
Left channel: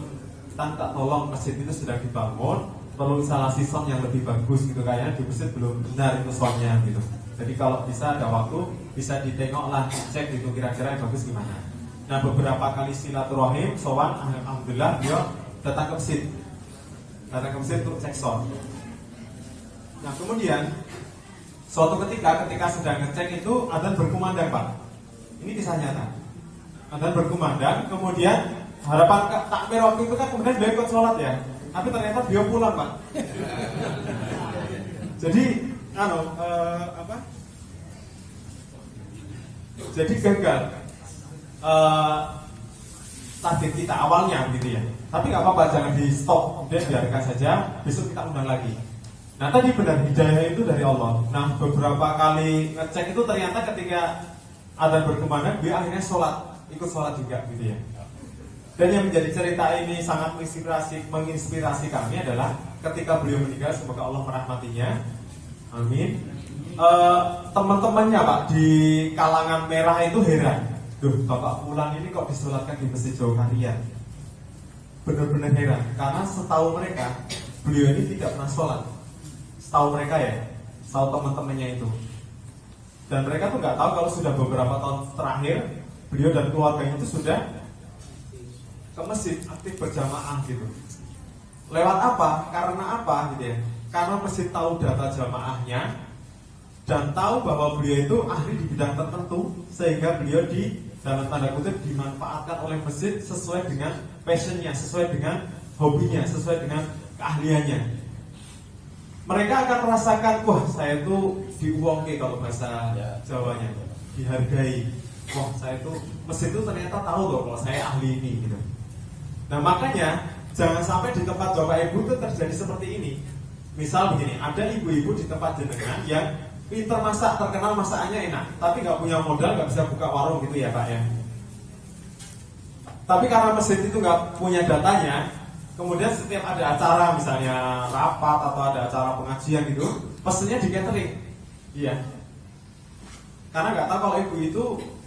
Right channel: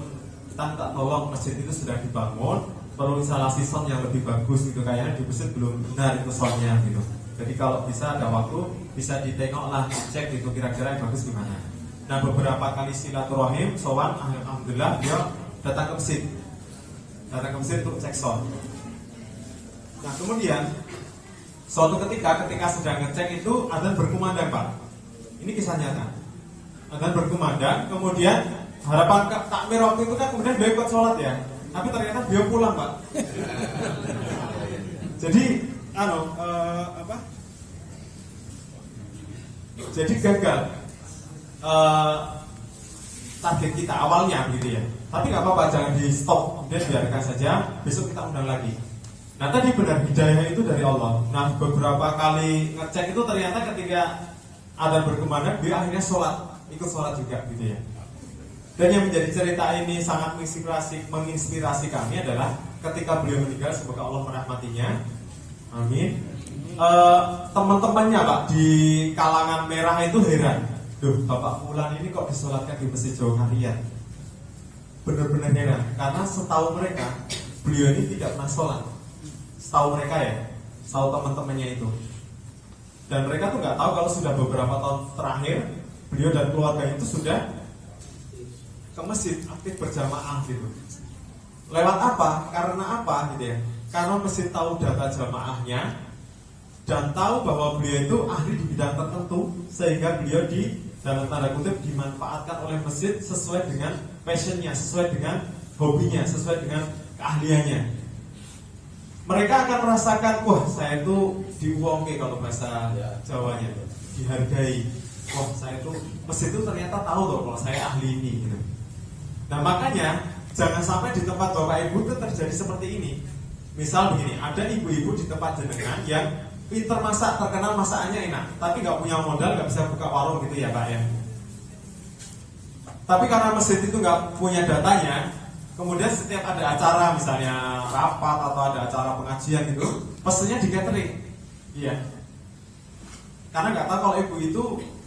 kita minta tolong masjid itu sudah dibangun, perlu instalasi sound yang lebih bagus gitu, kayaknya di masjid belum benar itu soundnya gitu. Jadi kalau bisa ada waktu bisa ditengok lah, cek itu kira-kira yang bagus gimana. Nah beberapa kali silaturahim, sowan, alhamdulillah dia datang ke masjid untuk cek sound. Nah kemudian suatu ketika sedang ngecek itu adzan berkumandang pak. Ini kisah nyata. Adzan berkumandang, kemudian harapan takmir waktu itu kan kemudian beliau ikut sholat ya. Tapi ternyata beliau pulang pak. Jadi jadi gagal target kita awalnya gitu ya. Tapi nggak apa-apa, jangan di stop, kemudian biarkan saja, besok kita undang lagi. Nah tadi benar hidayah itu dari Allah. Nah beberapa kali ngecek itu ternyata ketika ada berkumandang dia akhirnya ikut sholat juga gitu ya. Dan yang menjadi cerita ini sangat menginspirasi kami adalah ketika beliau meninggal, semoga Allah merahmatinya, amin. Teman-temannya pak di kalangan merah itu heran, loh bapak pulang ini kok disolatkan di masjid jauh harian. Benar-benar heran karena setahu mereka beliau ini tidak pernah sholat. Setahu mereka ya, setahu teman-temannya itu. Dan mereka tuh nggak tahu kalau sudah beberapa tahun terakhir beliau dan keluarganya itu sudah ke masjid aktif berjamaah gitu. Lewat apa? Karena apa gitu ya? Karena masjid tahu data jamaahnya dan tahu bahwa beliau itu ahli di bidang tertentu, sehingga beliau dalam tanda kutip dimanfaatkan oleh masjid sesuai dengan passionnya, sesuai dengan hobinya, sesuai dengan keahliannya. Mereka akan merasakan, wah saya itu diuangke kalau bahasa Jawanya, dihargai. Wah saya itu masjid itu ternyata tahu loh kalau saya ahli ini gitu. Nah makanya jangan sampai di tempat bapak ibu itu terjadi seperti ini. Misal begini, ada ibu-ibu di tempat jenengan yang pintar masak, terkenal masakannya enak, tapi nggak punya modal, nggak bisa buka warung gitu ya pak ya. Tapi karena masjid itu nggak punya datanya, kemudian setiap ada acara misalnya rapat atau ada acara pengajian gitu, pesennya di catering. Iya. Karena nggak tahu kalau ibu itu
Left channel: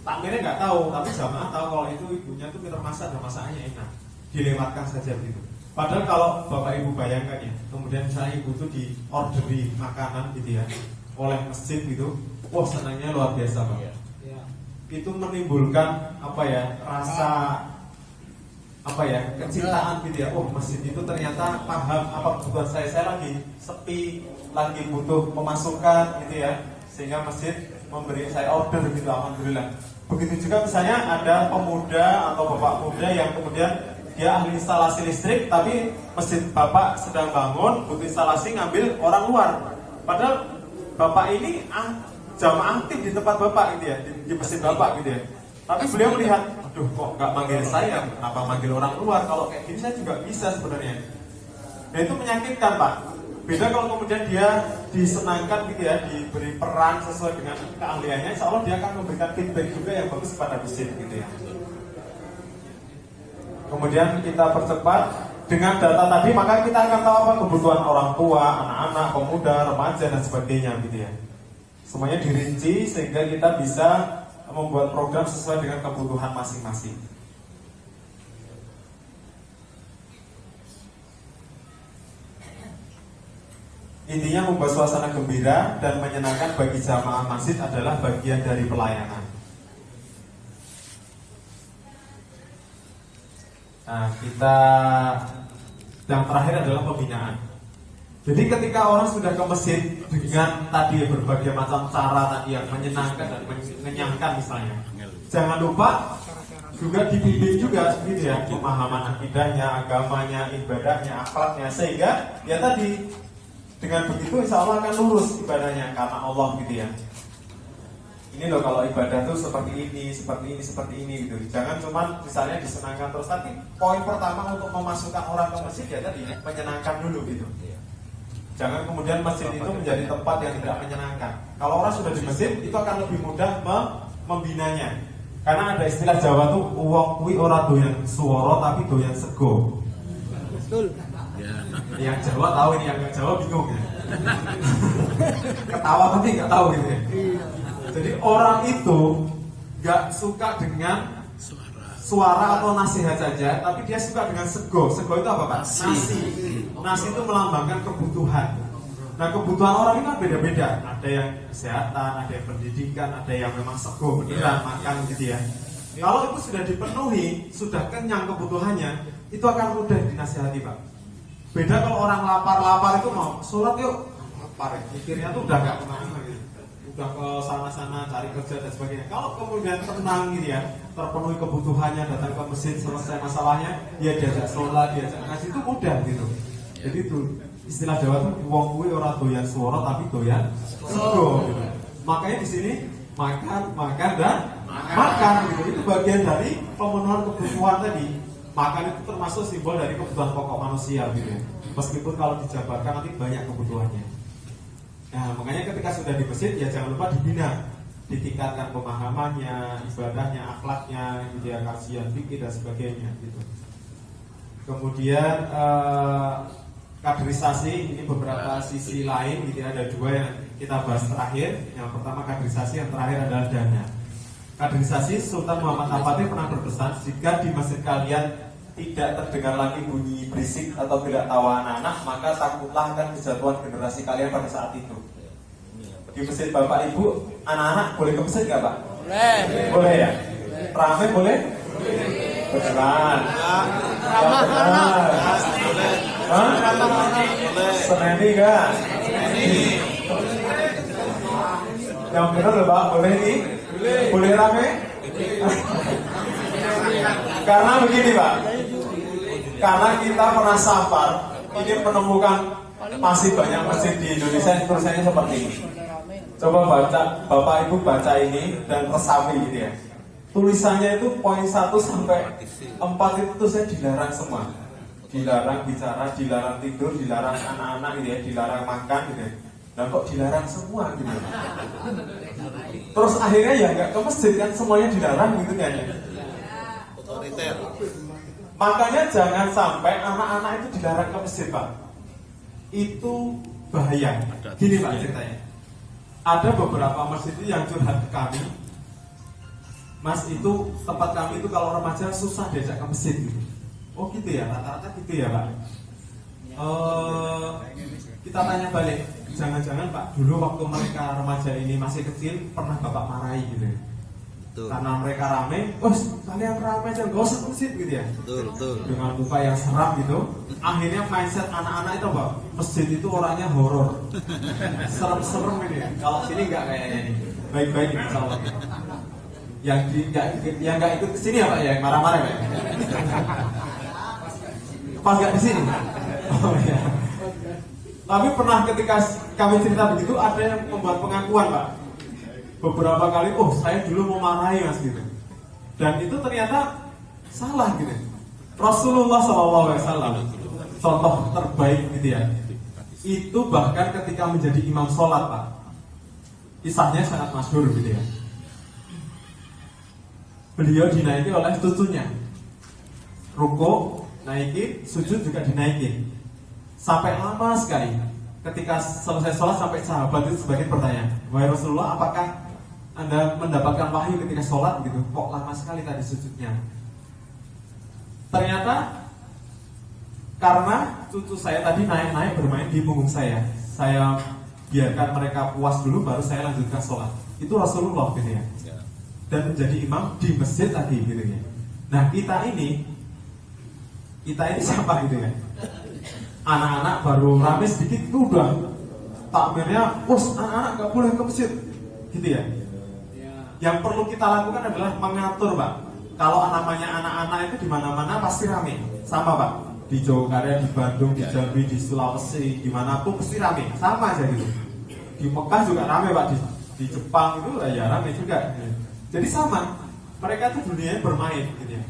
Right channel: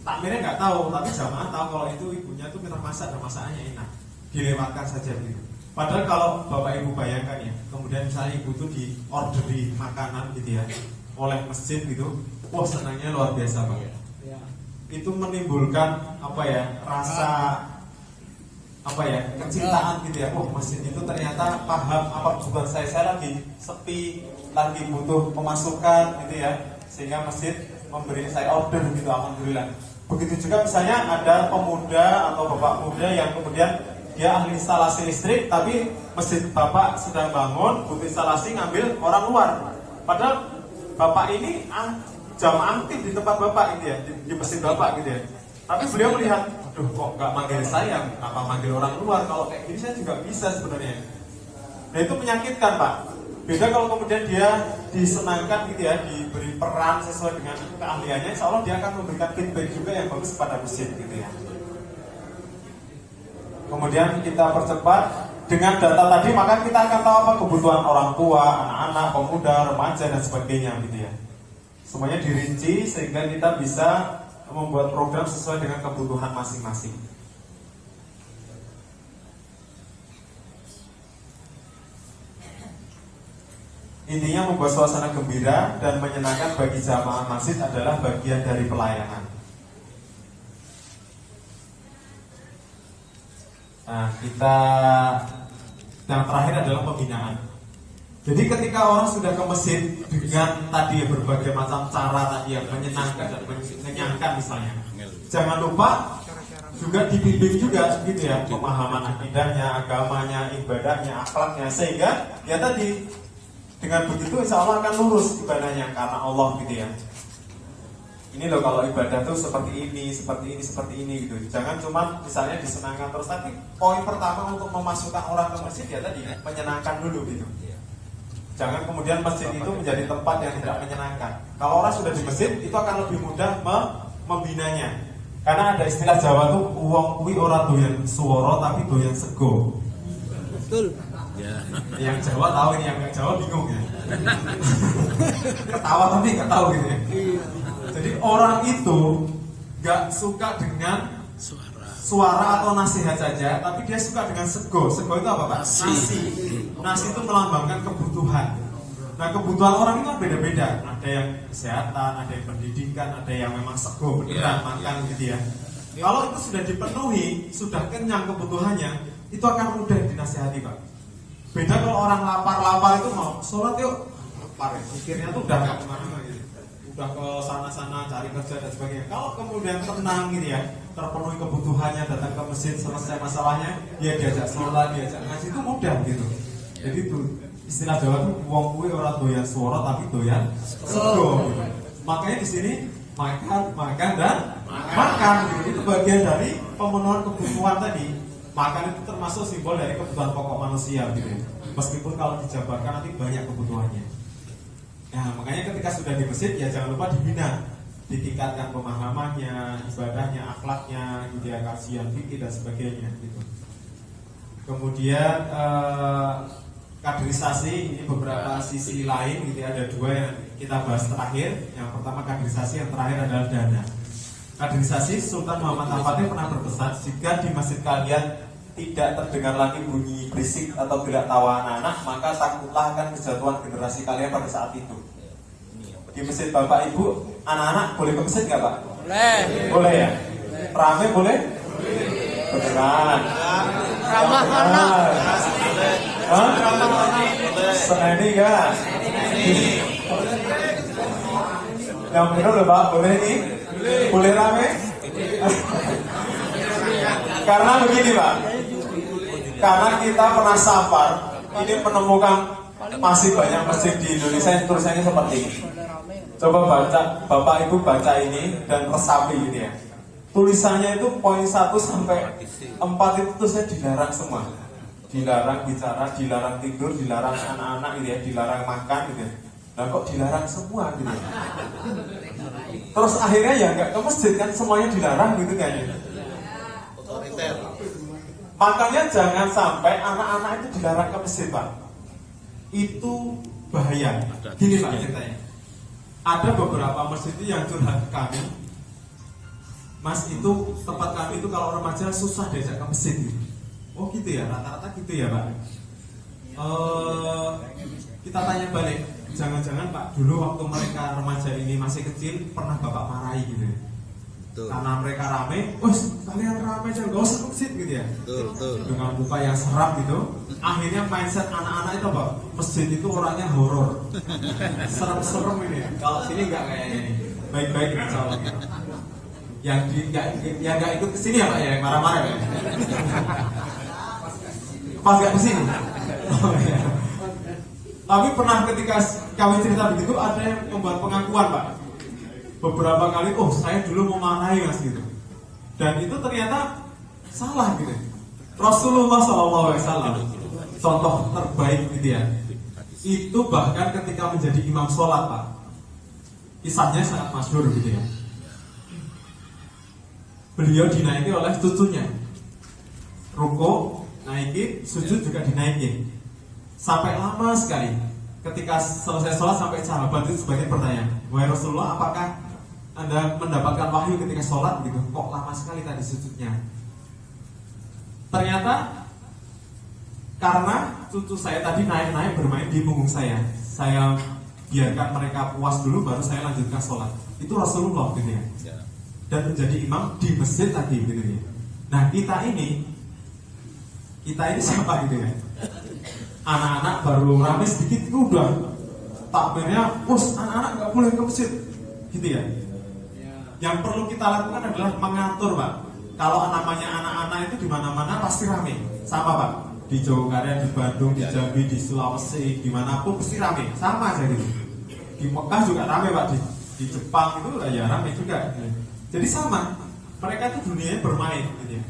takmirnya nggak tahu, tapi jamaah tahu kalau itu ibunya itu pintar masak dan masakannya enak. Dilewatkan saja gitu. Padahal kalau bapak ibu bayangkan ya, kemudian misalnya ibu itu diorderi makanan gitu ya oleh masjid gitu, wah senangnya luar biasa pak. Ya. Itu menimbulkan rasa kecintaan gitu ya. Wah masjid itu ternyata paham apa bukan saya lagi sepi, lagi butuh pemasukan gitu ya, sehingga masjid memberi saya order gitu, alhamdulillah. Begitu juga misalnya ada pemuda atau bapak muda yang kemudian dia ahli instalasi listrik, tapi masjid bapak sedang bangun, butuh instalasi ngambil orang luar. Padahal bapak ini jam aktif di tempat bapak gitu ya, di masjid bapak gitu ya. Tapi beliau melihat, aduh kok nggak manggil saya, apa manggil orang luar? Kalau kayak gini saya juga bisa sebenarnya. Nah itu menyakitkan Pak. Beda kalau kemudian dia disenangkan gitu ya, diberi peran sesuai dengan keahliannya, insya Allah dia akan memberikan feedback juga yang bagus pada masjid gitu ya. Kemudian kita percepat dengan data tadi, maka kita akan tahu apa kebutuhan orang tua, anak-anak, pemuda, remaja dan sebagainya gitu ya. Semuanya dirinci sehingga kita bisa membuat program sesuai dengan kebutuhan masing-masing. Intinya membuat suasana gembira dan menyenangkan bagi jamaah masjid adalah bagian dari pelayanan. Nah, yang terakhir adalah pembinaan. Jadi ketika orang sudah ke masjid dengan tadi berbagai macam cara tadi yang menyenangkan dan mengenyangkan misalnya, jangan lupa juga dibimbing juga gitu ya, pemahaman akidahnya, agamanya, ibadahnya, akhlaknya, sehingga ya tadi dengan begitu insya Allah akan lurus ibadahnya karena Allah gitu ya. Ini loh kalau ibadah tuh seperti ini gitu. Jangan cuma misalnya disenangkan terus, tapi poin pertama untuk memasukkan orang ke masjid ya tadi menyenangkan dulu gitu. Jangan kemudian masjid itu menjadi tempat yang tidak menyenangkan. Kalau orang sudah di masjid itu akan lebih mudah membinanya. Karena ada istilah Jawa tuh uang kuwi ora doyan swara tapi doyan sego. Betul. Yang Jawa tahu ini, yang nggak Jawa bingung ya. Ketawa tapi nggak tahu gitu ya. Jadi orang itu nggak suka dengan suara atau nasihat saja, tapi dia suka dengan sego. Sego itu apa Pak? Nasi. Nasi itu melambangkan kebutuhan. Nah kebutuhan orang itu kan beda-beda. Ada yang kesehatan, ada yang pendidikan, ada yang memang sego beneran makan gitu ya. Kalau itu sudah dipenuhi, sudah kenyang kebutuhannya, itu akan mudah dinasihati Pak. Beda kalau orang lapar itu mau sholat yuk, lapar ya. Mikirnya tuh udah gak kemana gitu, udah ke sana-sana cari kerja dan sebagainya. Kalau kemudian tenang gitu ya, terpenuhi kebutuhannya, datang ke masjid, selesai masalahnya, ya diajak sholat, diajak ngaji, itu mudah gitu. Jadi itu istilah Jawa tuh wong kuwi ora doyan swara tapi doyan sego gitu. Makanya di sini makan dan makan gitu. Itu bagian dari pemenuhan kebutuhan tadi. Makan itu termasuk simbol dari kebutuhan pokok manusia gitu. Meskipun kalau dijabarkan nanti banyak kebutuhannya. Nah, makanya ketika sudah di masjid ya jangan lupa dibina, ditingkatkan pemahamannya, ibadahnya, akhlaknya, gitu ya, kajian fikih dan sebagainya gitu. Kemudian kaderisasi, ini beberapa sisi lain gitu ya, ada dua yang kita bahas terakhir. Yang pertama kaderisasi, yang terakhir adalah dana. Kaderisasi, Sultan Muhammad Al-Fatih pernah berpesan, jika di masjid kalian tidak terdengar lagi bunyi berisik atau gerak tawa anak-anak, maka takutlah akan kejatuhan generasi kalian pada saat itu. Di masjid Bapak Ibu, anak-anak boleh ke masjid nggak Pak? Boleh. Boleh ya? Rame boleh? Beneran? Ramah anak. Seneni kan? Yang benar loh Pak, boleh nih? Boleh rame? Karena begini Pak, karena kita pernah safar, ini menemukan masih banyak masjid di Indonesia yang tulisannya seperti ini. Coba baca, Bapak Ibu baca ini dan resapi gitu ya. Tulisannya itu poin 1 sampai 4 itu tuh saya dilarang semua. Dilarang bicara, dilarang tidur, dilarang anak-anak gitu ya, dilarang makan gitu ya. Nah kok dilarang semua gitu ya. Terus akhirnya ya nggak ke masjid kan, semuanya dilarang gitu kan ya. Makanya jangan sampai anak-anak itu dilarang ke masjid Pak. Itu bahaya. Gini Pak ceritanya, ada beberapa masjid yang curhat ke kami, Mas itu tempat kami itu kalau remaja susah diajak ke masjid gitu. Oh gitu ya, rata-rata gitu ya Pak. Kita tanya balik, jangan-jangan Pak dulu waktu mereka remaja ini masih kecil pernah Bapak marahi gitu. Betul. Karena mereka rame, kalian rame aja, gak usah ke masjid gitu ya. Betul. Dengan muka yang seram gitu. Akhirnya mindset anak-anak itu Pak, masjid itu orangnya horor. Serem-serem ini ya. Kalau sini nggak kayaknya ini. Baik-baik insya. Yang nggak ikut ke sini ya Pak ya, yang marah-marah ya. Pas nggak di sini. Tapi pernah ketika kami cerita begitu ada yang membuat pengakuan Pak. Beberapa kali, oh saya dulu mau marahi Mas gitu. Dan itu ternyata salah gitu. Rasulullah SAW contoh terbaik gitu ya. Itu bahkan ketika menjadi imam sholat Pak. Kisahnya sangat masyhur gitu ya. Beliau dinaiki oleh cucunya. Ruku, naikin, sujud juga dinaikin. Sampai lama sekali. Ketika selesai sholat sampai sahabat itu sebagian bertanya, wahai Rasulullah, apakah Anda mendapatkan wahyu ketika sholat gitu? Kok lama sekali tadi sujudnya? Ternyata karena cucu saya tadi naik-naik bermain di punggung saya biarkan mereka puas dulu baru saya lanjutkan sholat. Itu Rasulullah gitu ya. Dan menjadi imam di masjid tadi gitu ya. Nah kita ini siapa gitu ya? Anak-anak baru rame sedikit udah takbirnya, anak-anak nggak boleh ke masjid gitu ya. Yang perlu kita lakukan adalah mengatur Pak. Kalau namanya anak-anak itu di mana-mana pasti rame, sama Pak. Di Jogarta, di Bandung, di Jambi, di Sulawesi, dimanapun pasti rame, sama aja gitu. Di Mekah juga rame Pak, di Jepang itu ya rame juga. Jadi sama, mereka itu dunianya bermain gitu ya.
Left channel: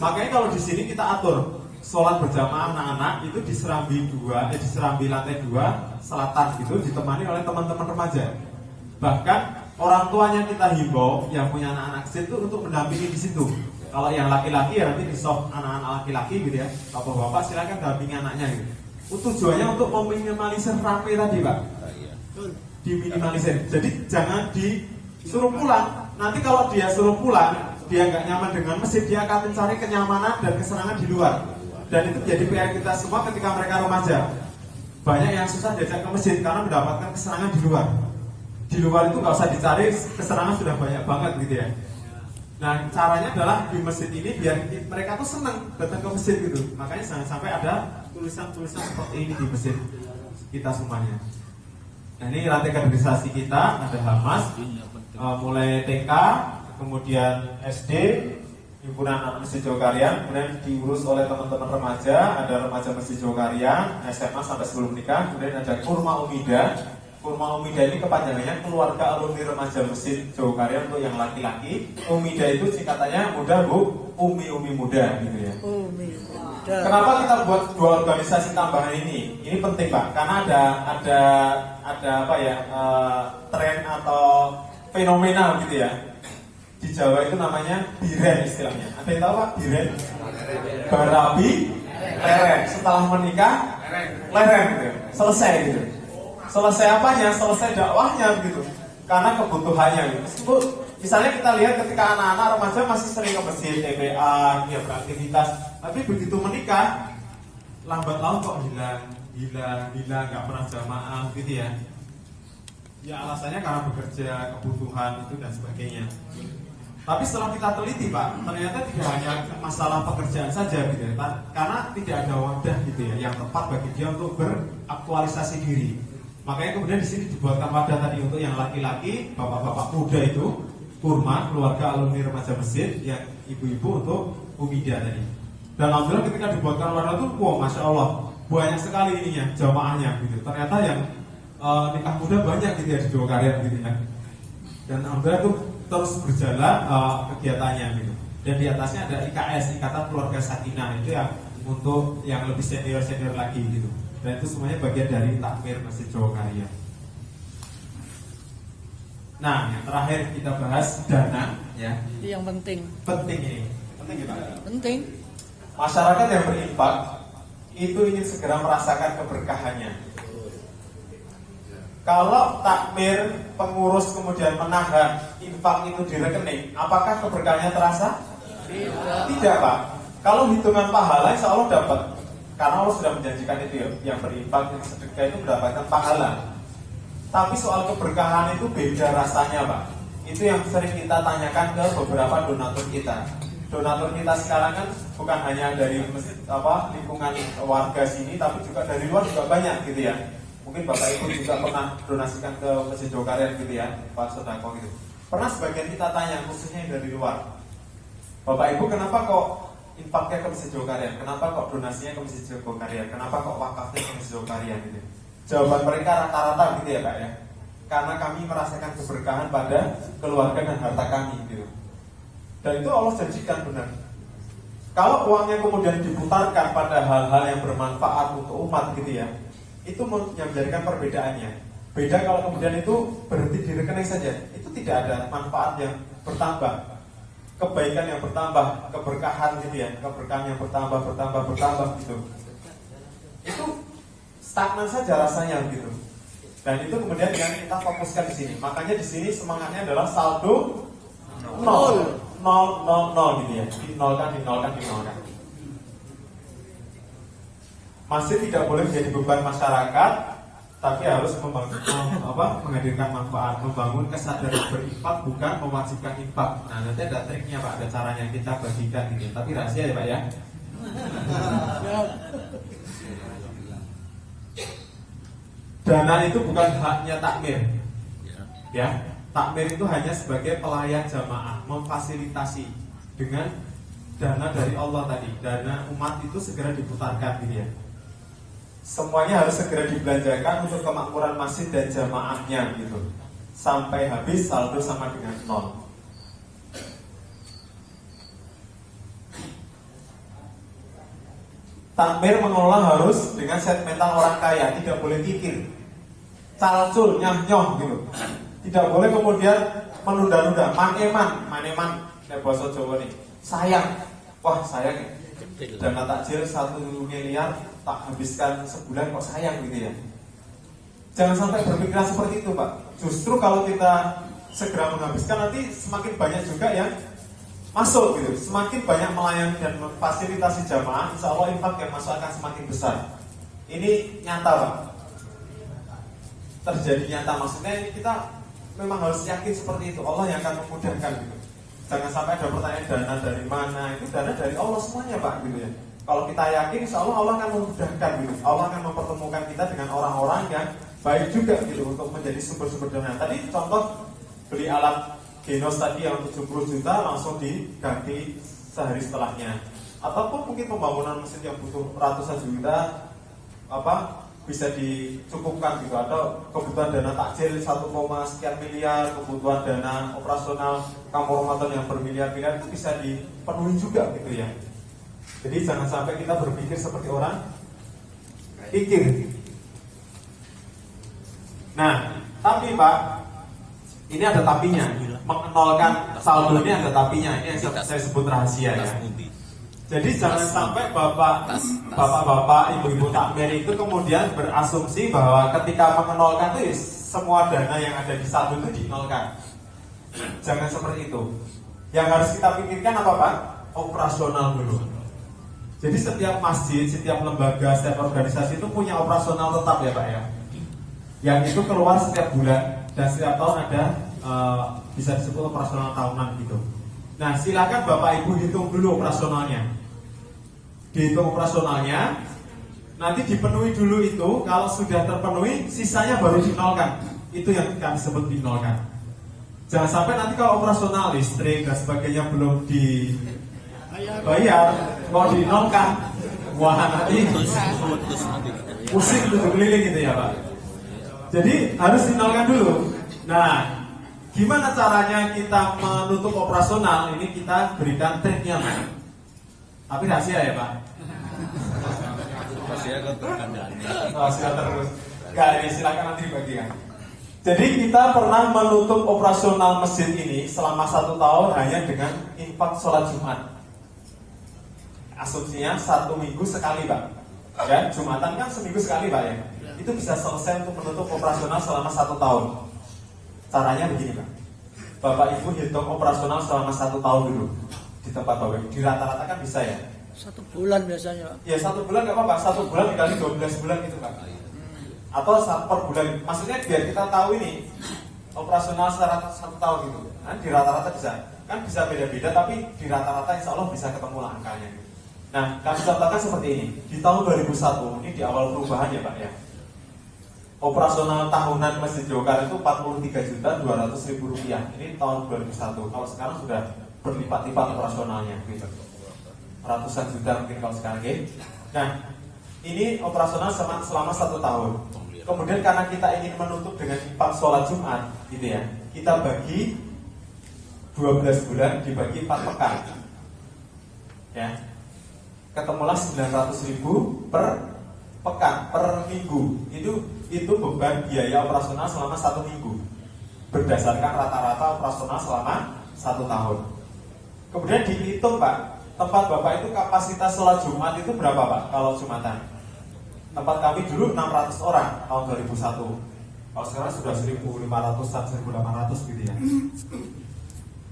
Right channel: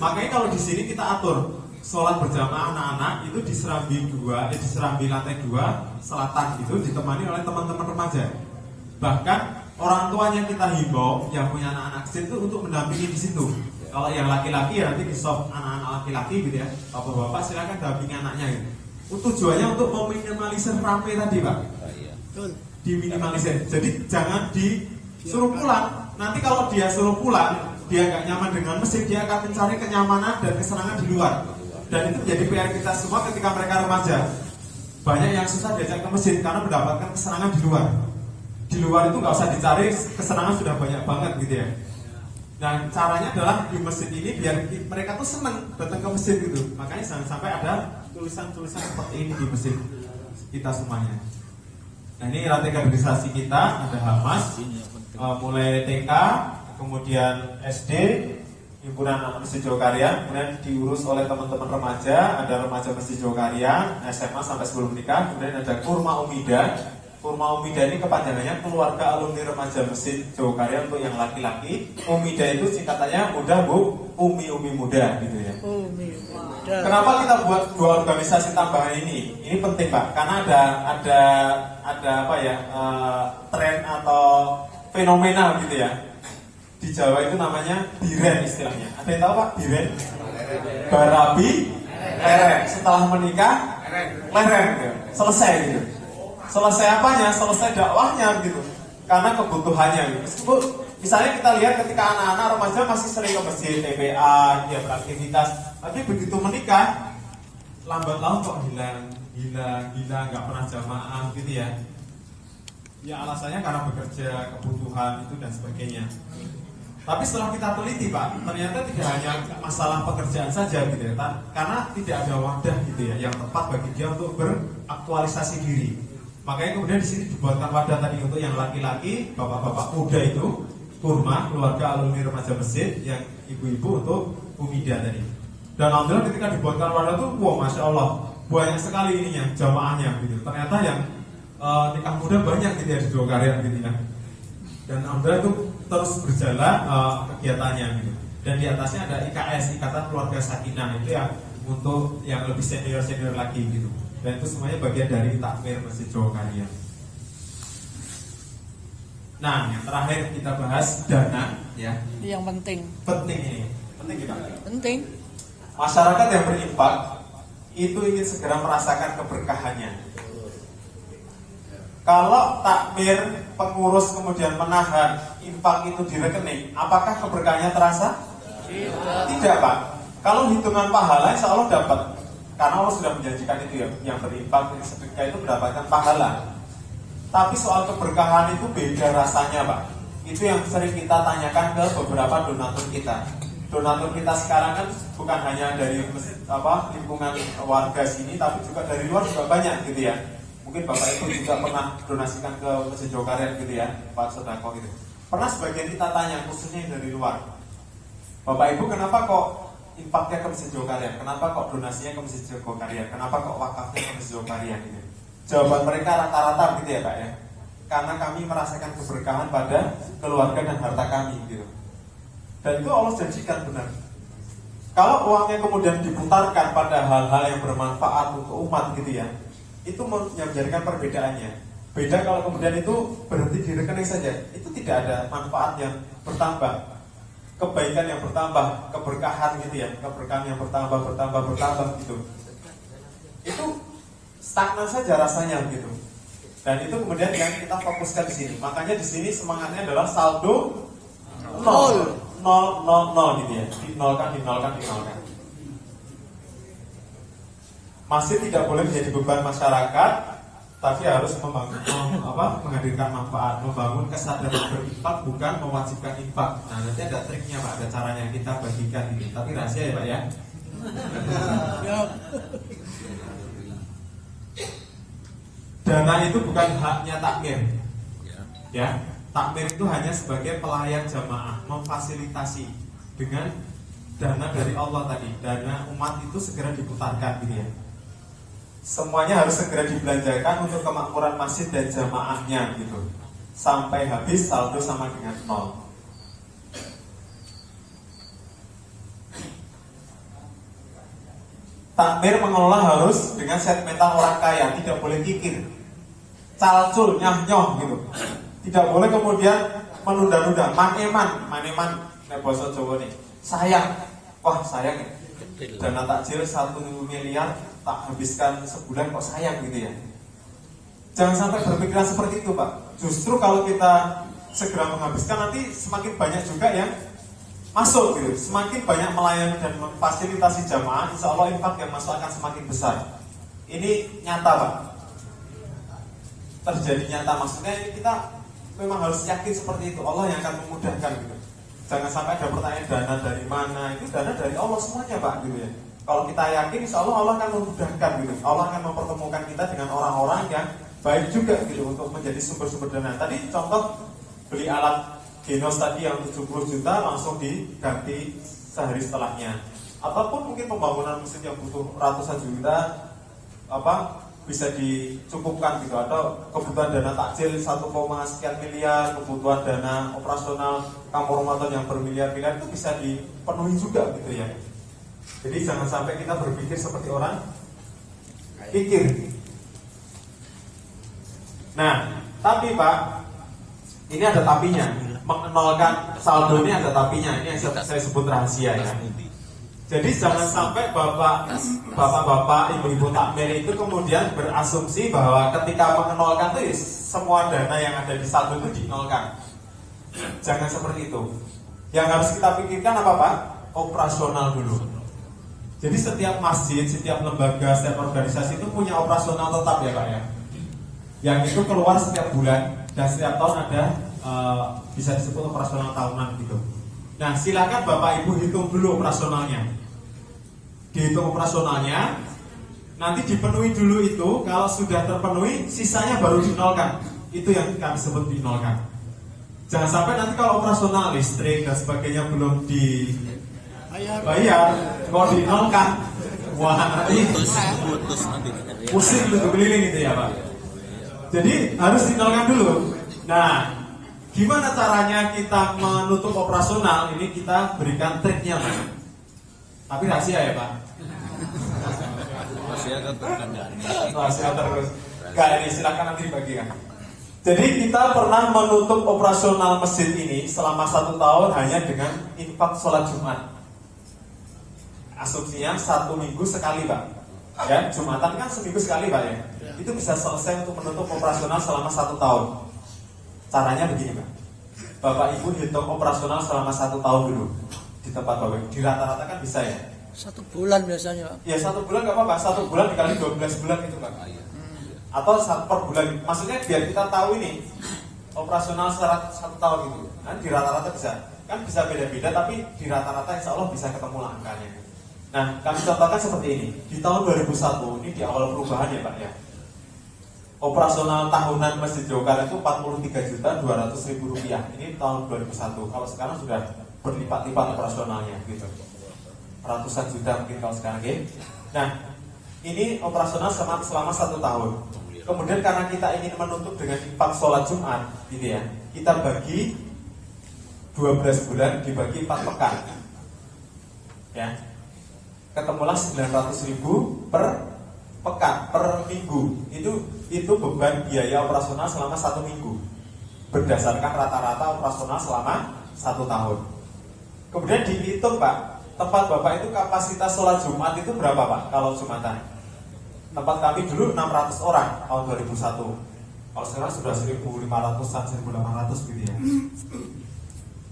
Makanya kalau di sini kita atur sholat berjamaah anak-anak itu di serambi lantai 2 selatan itu ditemani oleh teman-teman remaja. Bahkan orang tuanya kita himbau yang punya anak-anak kecil itu untuk mendampingi di situ. Kalau yang laki-laki ya nanti di soft anak-anak laki-laki gitu ya. Bapak-bapak silakan dampingi anaknya gitu. Tujuannya untuk meminimalisir ramai tadi Pak. Diminimalisir. Jadi jangan disuruh pulang. Nanti kalau dia suruh pulang, dia nggak nyaman dengan masjid, dia akan mencari kenyamanan dan kesenangan di luar. Dan itu jadi PR kita semua ketika mereka remaja. Banyak yang susah diajak ke masjid karena mendapatkan kesenangan di luar. Di luar itu nggak usah dicari, kesenangan sudah banyak banget gitu ya. Nah caranya adalah di masjid ini biar mereka tuh senang datang ke masjid gitu. Makanya jangan sampai ada tulisan-tulisan seperti ini di masjid kita semuanya. Nah ini rantai kaderisasi kita ada Hamas, mulai TK, kemudian SD, himpunan anak Masjid Jogarta, kemudian diurus oleh teman-teman remaja, ada remaja Masjid Jogarta, SMA sampai sebelum nikah, kemudian ada Kurma Umida. Kurma Umida ini kepanjangannya keluarga alumni remaja Masjid Jogarta untuk yang laki-laki. Umida itu singkatannya muda Bu, Umi muda gitu ya. Umi muda. Kenapa kita buat dua organisasi tambahan ini? Ini penting Pak, karena ada apa ya tren atau fenomena gitu ya. Di Jawa itu namanya biren istilahnya. Ada yang tahu Pak biren? Barabi, lereng. Setelah menikah, lereng gitu. Selesai gitu. Selesai apanya? Selesai dakwahnya gitu. Karena kebutuhannya gitu. Meskipun misalnya kita lihat ketika anak-anak remaja masih sering ke masjid, TPA, ya beraktivitas. Tapi begitu menikah, lambat laun kok hilang, nggak pernah jamaah gitu ya. Ya alasannya karena bekerja, kebutuhan itu dan sebagainya. Tapi setelah kita teliti Pak, ternyata tidak hanya masalah pekerjaan saja gitu ya, karena tidak ada wadah gitu ya yang tepat bagi dia untuk beraktualisasi diri. Makanya kemudian di sini dibuatkan wadah tadi untuk yang laki-laki, bapak-bapak muda itu, Kurma, keluarga alumni remaja masjid, yang ibu-ibu untuk Umida tadi. Dan alhamdulillah ketika dibuatkan wadah itu, wow, masya Allah, banyak sekali ininya, jamaahnya gitu. Ternyata yang nikah muda banyak gitu ya di Jogarta gitu ya. Dan alhamdulillah itu terus berjalan kegiatannya gitu. Dan di atasnya ada IKS, Ikatan Keluarga Sakinah, itu ya untuk yang lebih senior lagi gitu. Dan itu semuanya bagian dari takmir Masjid Jogarta. Nah, yang terakhir kita bahas dana ya. Itu yang penting. Penting ini. Penting kita. Penting. Masyarakat yang berinfak itu ingin segera merasakan keberkahannya. Kalau takmir pengurus kemudian menahan infak itu di rekening, apakah keberkahannya terasa? Tidak Pak. Kalau hitungan pahala selalu dapat, karena Allah sudah menjanjikan itu ya, yang berinfak sedekah itu mendapatkan pahala. Tapi soal keberkahan itu beda rasanya Pak. Itu yang sering kita tanyakan ke beberapa donatur kita. Donatur kita sekarang kan bukan hanya dari lingkungan warga sini, tapi juga dari luar juga banyak gitu ya. Mungkin Bapak Ibu juga pernah donasikan ke Masjid Jogarta gitu ya, Pak Sodako gitu. Pernah sebagian kita tanya, khususnya yang dari luar, Bapak Ibu kenapa kok infaknya ke Masjid Jokaryan? Kenapa kok donasinya ke Masjid Jokaryan? Kenapa kok wakafnya ke Masjid Jokaryan gitu? Jawaban mereka rata-rata gitu ya Pak ya. Karena kami merasakan keberkahan pada keluarga dan harta kami gitu. Dan itu Allah janjikan benar. Kalau uangnya kemudian diputarkan pada hal-hal yang bermanfaat untuk umat gitu ya, itu yang menjadikan perbedaannya. Beda kalau kemudian itu berhenti di rekening saja, itu tidak ada manfaat yang bertambah, kebaikan yang bertambah, keberkahan gitu ya, keberkahan yang bertambah gitu. Itu stagnan saja rasanya gitu. Dan itu kemudian yang kita fokuskan di sini. Makanya di sini semangatnya adalah saldo nol gitu ya, dinolkan. Masih tidak boleh menjadi beban masyarakat, tapi harus menghadirkan manfaat, membangun kesadaran berinfak, bukan mewajibkan infak. Nah nanti ada triknya Pak, ada caranya kita bagikan ini, tapi rahasia ya Pak ya. Dana itu bukan haknya takmir, ya. Takmir itu hanya sebagai pelayan jamaah, memfasilitasi dengan dana dari Allah tadi, dana umat itu segera diputarkan gitu ya. Semuanya harus segera dibelanjakan untuk kemakmuran masjid dan jamaahnya gitu, sampai habis saldo sama dengan nol. Takmir mengelola harus dengan set mental orang kaya, tidak boleh pikir, calcul, nyah-nyoh gitu. Tidak boleh kemudian menunda-nunda, maneman, bahasa Jawa nih. Sayang, wah sayang dana takjil 1 miliar tak habiskan sebulan kok sayang gitu ya. Jangan sampai berpikiran seperti itu Pak. Justru kalau kita segera menghabiskan nanti semakin banyak juga yang masuk gitu, semakin banyak melayani dan memfasilitasi jamaah, insya Allah infak yang masuk akan semakin besar. Ini nyata Pak, terjadi nyata. Maksudnya kita memang harus yakin seperti itu, Allah yang akan memudahkan gitu. Jangan sampai ada pertanyaan dana dari mana, itu dana dari Allah semuanya Pak gitu ya. Kalau kita yakin, insya Allah Allah akan memudahkan gitu. Allah akan mempertemukan kita dengan orang-orang yang baik juga gitu untuk menjadi sumber-sumber dana. Tadi contoh beli alat Genos tadi yang 70 juta langsung diganti sehari setelahnya. Ataupun mungkin pembangunan masjid yang butuh ratusan juta bisa dicukupkan gitu, atau kebutuhan dana takjil 1, sekian miliar, kebutuhan dana operasional kampung Ramadan yang bermiliar-miliar itu bisa dipenuhi juga gitu ya. Jadi jangan sampai kita berpikir seperti orang pikir. Nah, tapi Pak, ini ada tapinya. Mengenolkan saldo ini ada tapinya. Ini yang saya sebut rahasia ya. Jadi jangan sampai bapak-bapak, ibu-ibu takmir itu kemudian berasumsi bahwa ketika mengenolkan itu semua dana yang ada di saldo itu dinolkan. Jangan seperti itu. Yang harus kita pikirkan apa Pak? Operasional dulu. Jadi setiap masjid, setiap lembaga, setiap organisasi itu punya operasional tetap ya Pak ya. Yang itu keluar setiap bulan dan setiap tahun ada bisa disebut operasional tahunan gitu. Nah silakan Bapak Ibu hitung dulu operasionalnya. Dihitung operasionalnya, nanti dipenuhi dulu itu. Kalau sudah terpenuhi, sisanya baru dinolkan. Itu yang kami sebut dinolkan. Jangan sampai nanti kalau operasional listrik dan sebagainya belum dibayar, kalau dinolkan, wah nanti pusing gitu keliling gitu ya Pak. Jadi harus dinolkan dulu. Nah, gimana caranya kita menutup operasional? Ini kita berikan triknya Pak. Tapi rahasia ya Pak. Rahasia terkendali. Rahasia terus. Gak, ini silakan nanti dibagikan. Jadi kita pernah menutup operasional masjid ini selama 1 tahun hanya dengan infak sholat Jumat. Asumsinya 1 minggu sekali Pak. Ya, Jumatan kan seminggu sekali Pak ya. Itu bisa selesai untuk menutup operasional selama 1 tahun. Caranya begini Pak. Bapak Ibu hitung operasional selama 1 tahun dulu di tempat Bapak. Di rata-rata kan bisa ya. 1 bulan biasanya Pak. Ya 1 bulan nggak apa-apa. 1 bulan dikali 12 bulan itu Pak. Atau per bulan. Maksudnya biar kita tahu ini operasional secara 1 tahun itu. Nah, di rata-rata bisa. Kan bisa beda-beda tapi di rata-rata insya Allah bisa ketemu lah angkanya. Nah kami contohkan seperti ini. Di tahun 2001 ini di awal perubahan ya Pak ya. Operasional tahunan Masjid Jokaryan itu 43.200.000 rupiah. Ini tahun 2001. Kalau sekarang sudah berlipat-lipat operasionalnya gitu. ratusan juta mungkin kalau sekarang ya. Nah, ini operasional selama 1 tahun. Kemudian karena kita ingin menutup dengan infak sholat Jumat, gitu ya, kita bagi 12 bulan dibagi 4 pekan, ya, ketemulah 900.000 per pekan, per minggu. Itu beban biaya operasional selama 1 minggu, berdasarkan rata-rata operasional selama 1 tahun. Kemudian dihitung Pak, tempat Bapak itu kapasitas sholat Jumat itu berapa Pak kalau Jumatan? Tempat kami dulu 600 orang tahun 2001. Kalau sekarang sudah 1.500, 1.800 gitu ya.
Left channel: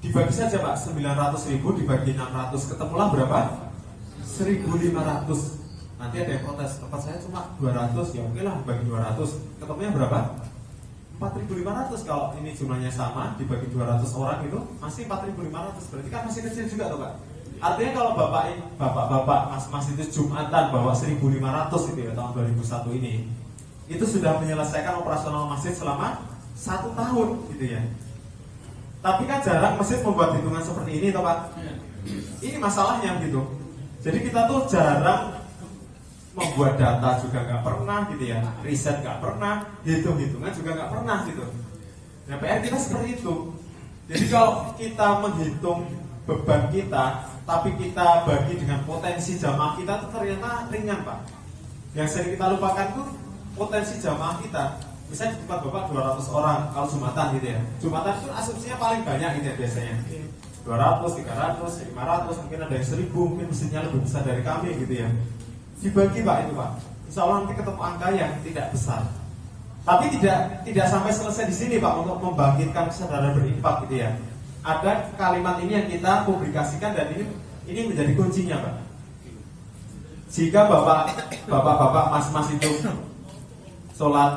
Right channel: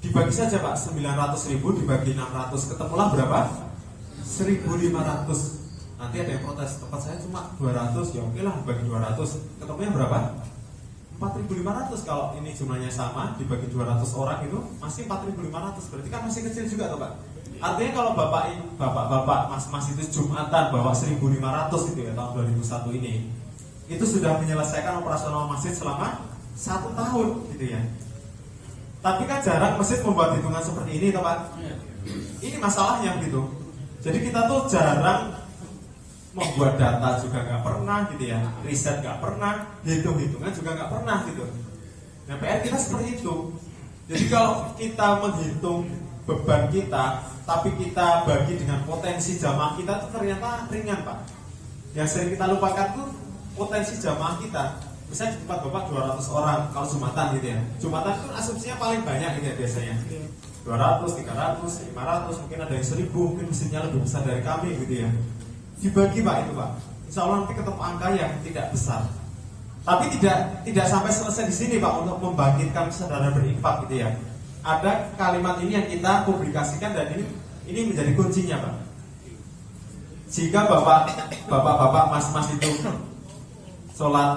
Dibagi saja Pak, 900.000 dibagi 600, ketemulah berapa? 1.500. Nanti ada yang protes, tempat saya cuma 200, ya oke lah dibagi 200. Ketemunya berapa? 4.500. Kalau ini jumlahnya sama, dibagi 200 orang itu masih 4.500. Berarti kan masih kecil juga tuh Pak. Artinya kalau bapak, mas itu Jumatan bawa 1.500 gitu ya tahun 2001 ini, itu sudah menyelesaikan operasional masjid selama 1 tahun gitu ya. Tapi kan jarang masjid membuat hitungan seperti ini toh Pak. Ini masalahnya gitu. Jadi kita tuh jarang membuat data juga nggak pernah gitu ya, riset nggak pernah, hitung-hitungan juga nggak pernah gitu. Nah PR kita seperti itu. Jadi kalau kita menghitung beban kita, tapi kita bagi dengan potensi jamaah kita itu ternyata ringan Pak. Yang sering kita lupakan tuh potensi jamaah kita. Misalnya di tempat Bapak 200 orang kalau Jumatan gitu ya. Jumatan itu asumsinya paling banyak gitu ya biasanya. 200, 300, 500, mungkin ada yang 1.000, mungkin mesinnya lebih besar dari kami gitu ya. Dibagi Pak itu Pak. Insya Allah nanti ketemu angka yang tidak besar. Tapi tidak sampai selesai di sini Pak untuk membangkitkan kesadaran berinfak gitu ya. Ada kalimat ini yang kita publikasikan dan ini menjadi kuncinya Pak. Jika bapak-bapak, mas-mas itu sholat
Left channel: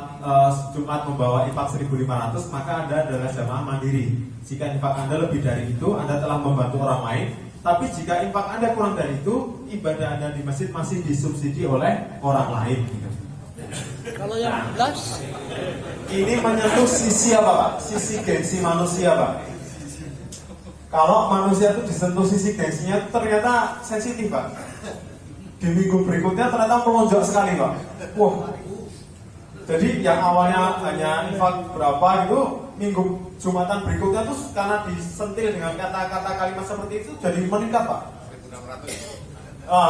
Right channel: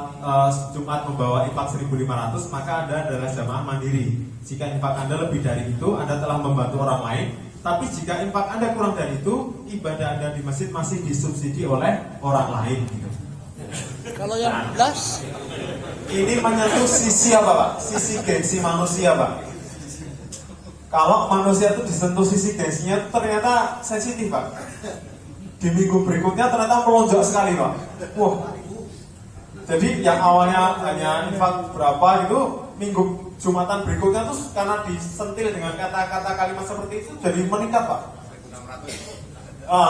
Jumat membawa infak 1.500, maka Anda adalah jamaah mandiri. Jika infak Anda lebih dari itu, Anda telah membantu orang lain. Tapi jika infak Anda kurang dari itu, ibadah Anda di masjid masih disubsidi oleh orang lain gitu. Kalau yang belas, ini menyentuh sisi apa Pak? Sisi gengsi manusia Pak. Kalau manusia itu disentuh sisi gengsinya ternyata sensitif Pak. Di minggu berikutnya ternyata melonjak sekali Pak. Wah. Jadi yang awalnya hanya infak berapa itu, minggu Jumatan berikutnya tuh karena disentil dengan kata-kata kalimat seperti itu jadi meningkat Pak. Oh.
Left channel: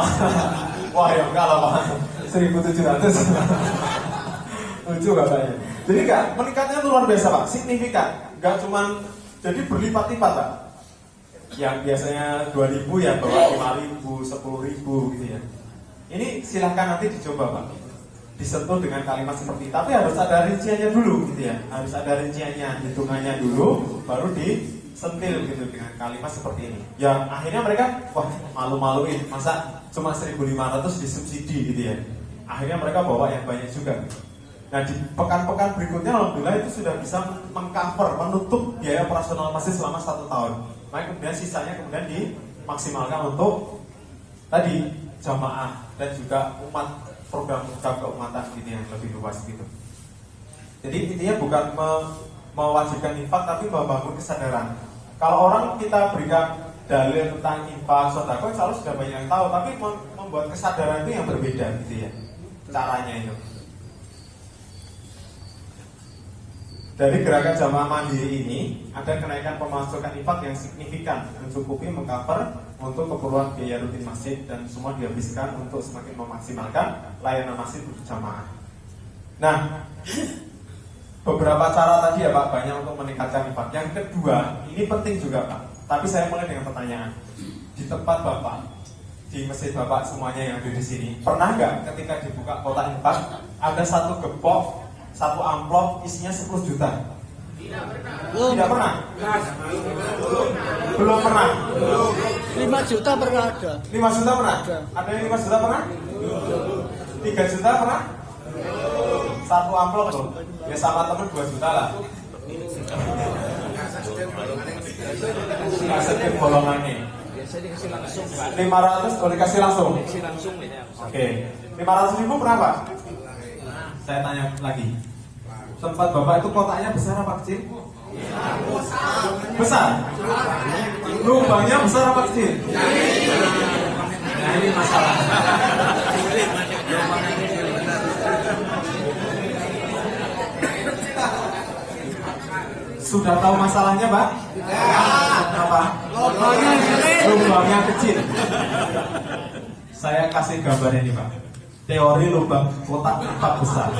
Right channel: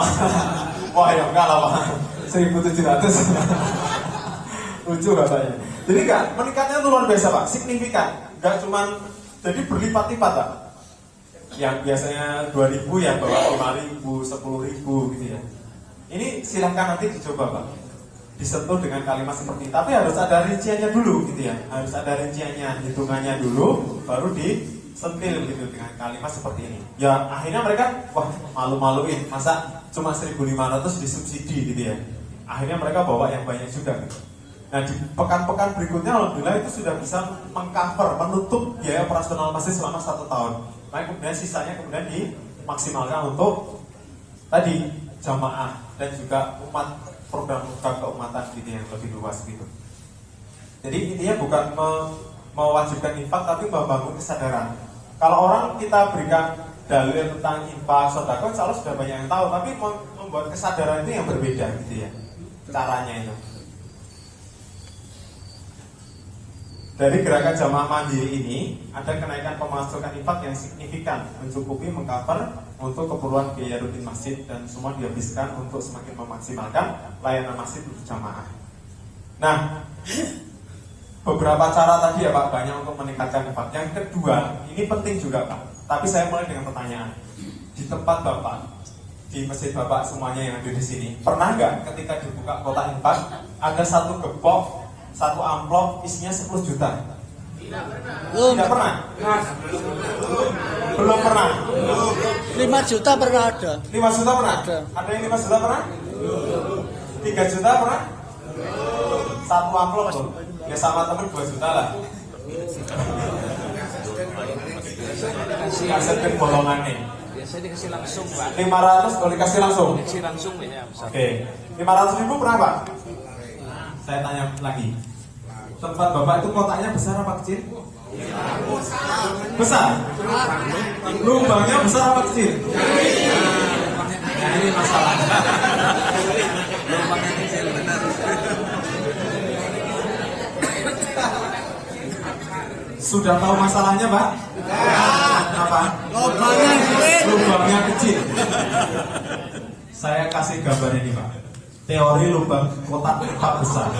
Wah ya enggak lah Pak. 1.700. Lucu katanya. Jadi enggak, meningkatnya itu luar biasa Pak, signifikan. Enggak cuman jadi berlipat-lipat Pak. Yang biasanya 2.000 ya bawa 5.000, 10.000 gitu ya. Ini silahkan nanti dicoba Pak, disentuh dengan kalimat seperti itu. Tapi harus ada rinciannya dulu gitu ya. Harus ada rinciannya, hitungannya dulu, baru disentil gitu dengan kalimat seperti ini. Ya akhirnya mereka, wah malu-maluin, masa cuma 1.500 disubsidi gitu ya. Akhirnya mereka bawa yang banyak juga gitu. Nah di pekan-pekan berikutnya alhamdulillah itu sudah bisa mengcover, menutup biaya operasional masjid selama 1 tahun. Maka kemudian sisanya kemudian dimaksimalkan untuk tadi jamaah dan juga umat, program keumatan gitu yang lebih luas gitu. Jadi intinya bukan mewajibkan infak tapi membangun kesadaran. Kalau orang kita berikan dalil tentang infak, sedekah, insya Allah sudah banyak yang tahu, tapi membuat kesadaran itu yang berbeda gitu ya caranya itu. Dari gerakan jamaah mandiri ini ada kenaikan pemasukan infak yang signifikan, mencukupi mengcover untuk keperluan biaya rutin masjid dan semua dihabiskan untuk semakin memaksimalkan layanan masjid berjamaah. Nah, beberapa cara tadi ya Pak, banyak untuk meningkatkan infak. Yang kedua, ini penting juga Pak. Tapi saya mulai dengan pertanyaan. Di tempat Bapak, di masjid Bapak semuanya yang ada di sini, pernah nggak ketika dibuka kotak infak ada satu gepok, satu amplop isinya 10 juta? Tidak pernah. Belum pernah. 5 juta pernah ada. 5 juta pernah? Ada yang 5 juta pernah? 3 juta pernah? Satu amplop tuh. Ya sama temen 2 juta lah. Kasih bolongannya. 500 boleh kasih langsung. Oke. 500.000 pernah Pak? Saya tanya lagi. Tempat Bapak itu kotaknya besar apa kecil? Besar. Lubangnya besar apa kecil? ini masalahnya. Sudah tahu masalahnya, Pak? Apa? Lubangnya kecil. Saya kasih gambar ini, Pak. Teori lubang kotak infak besar.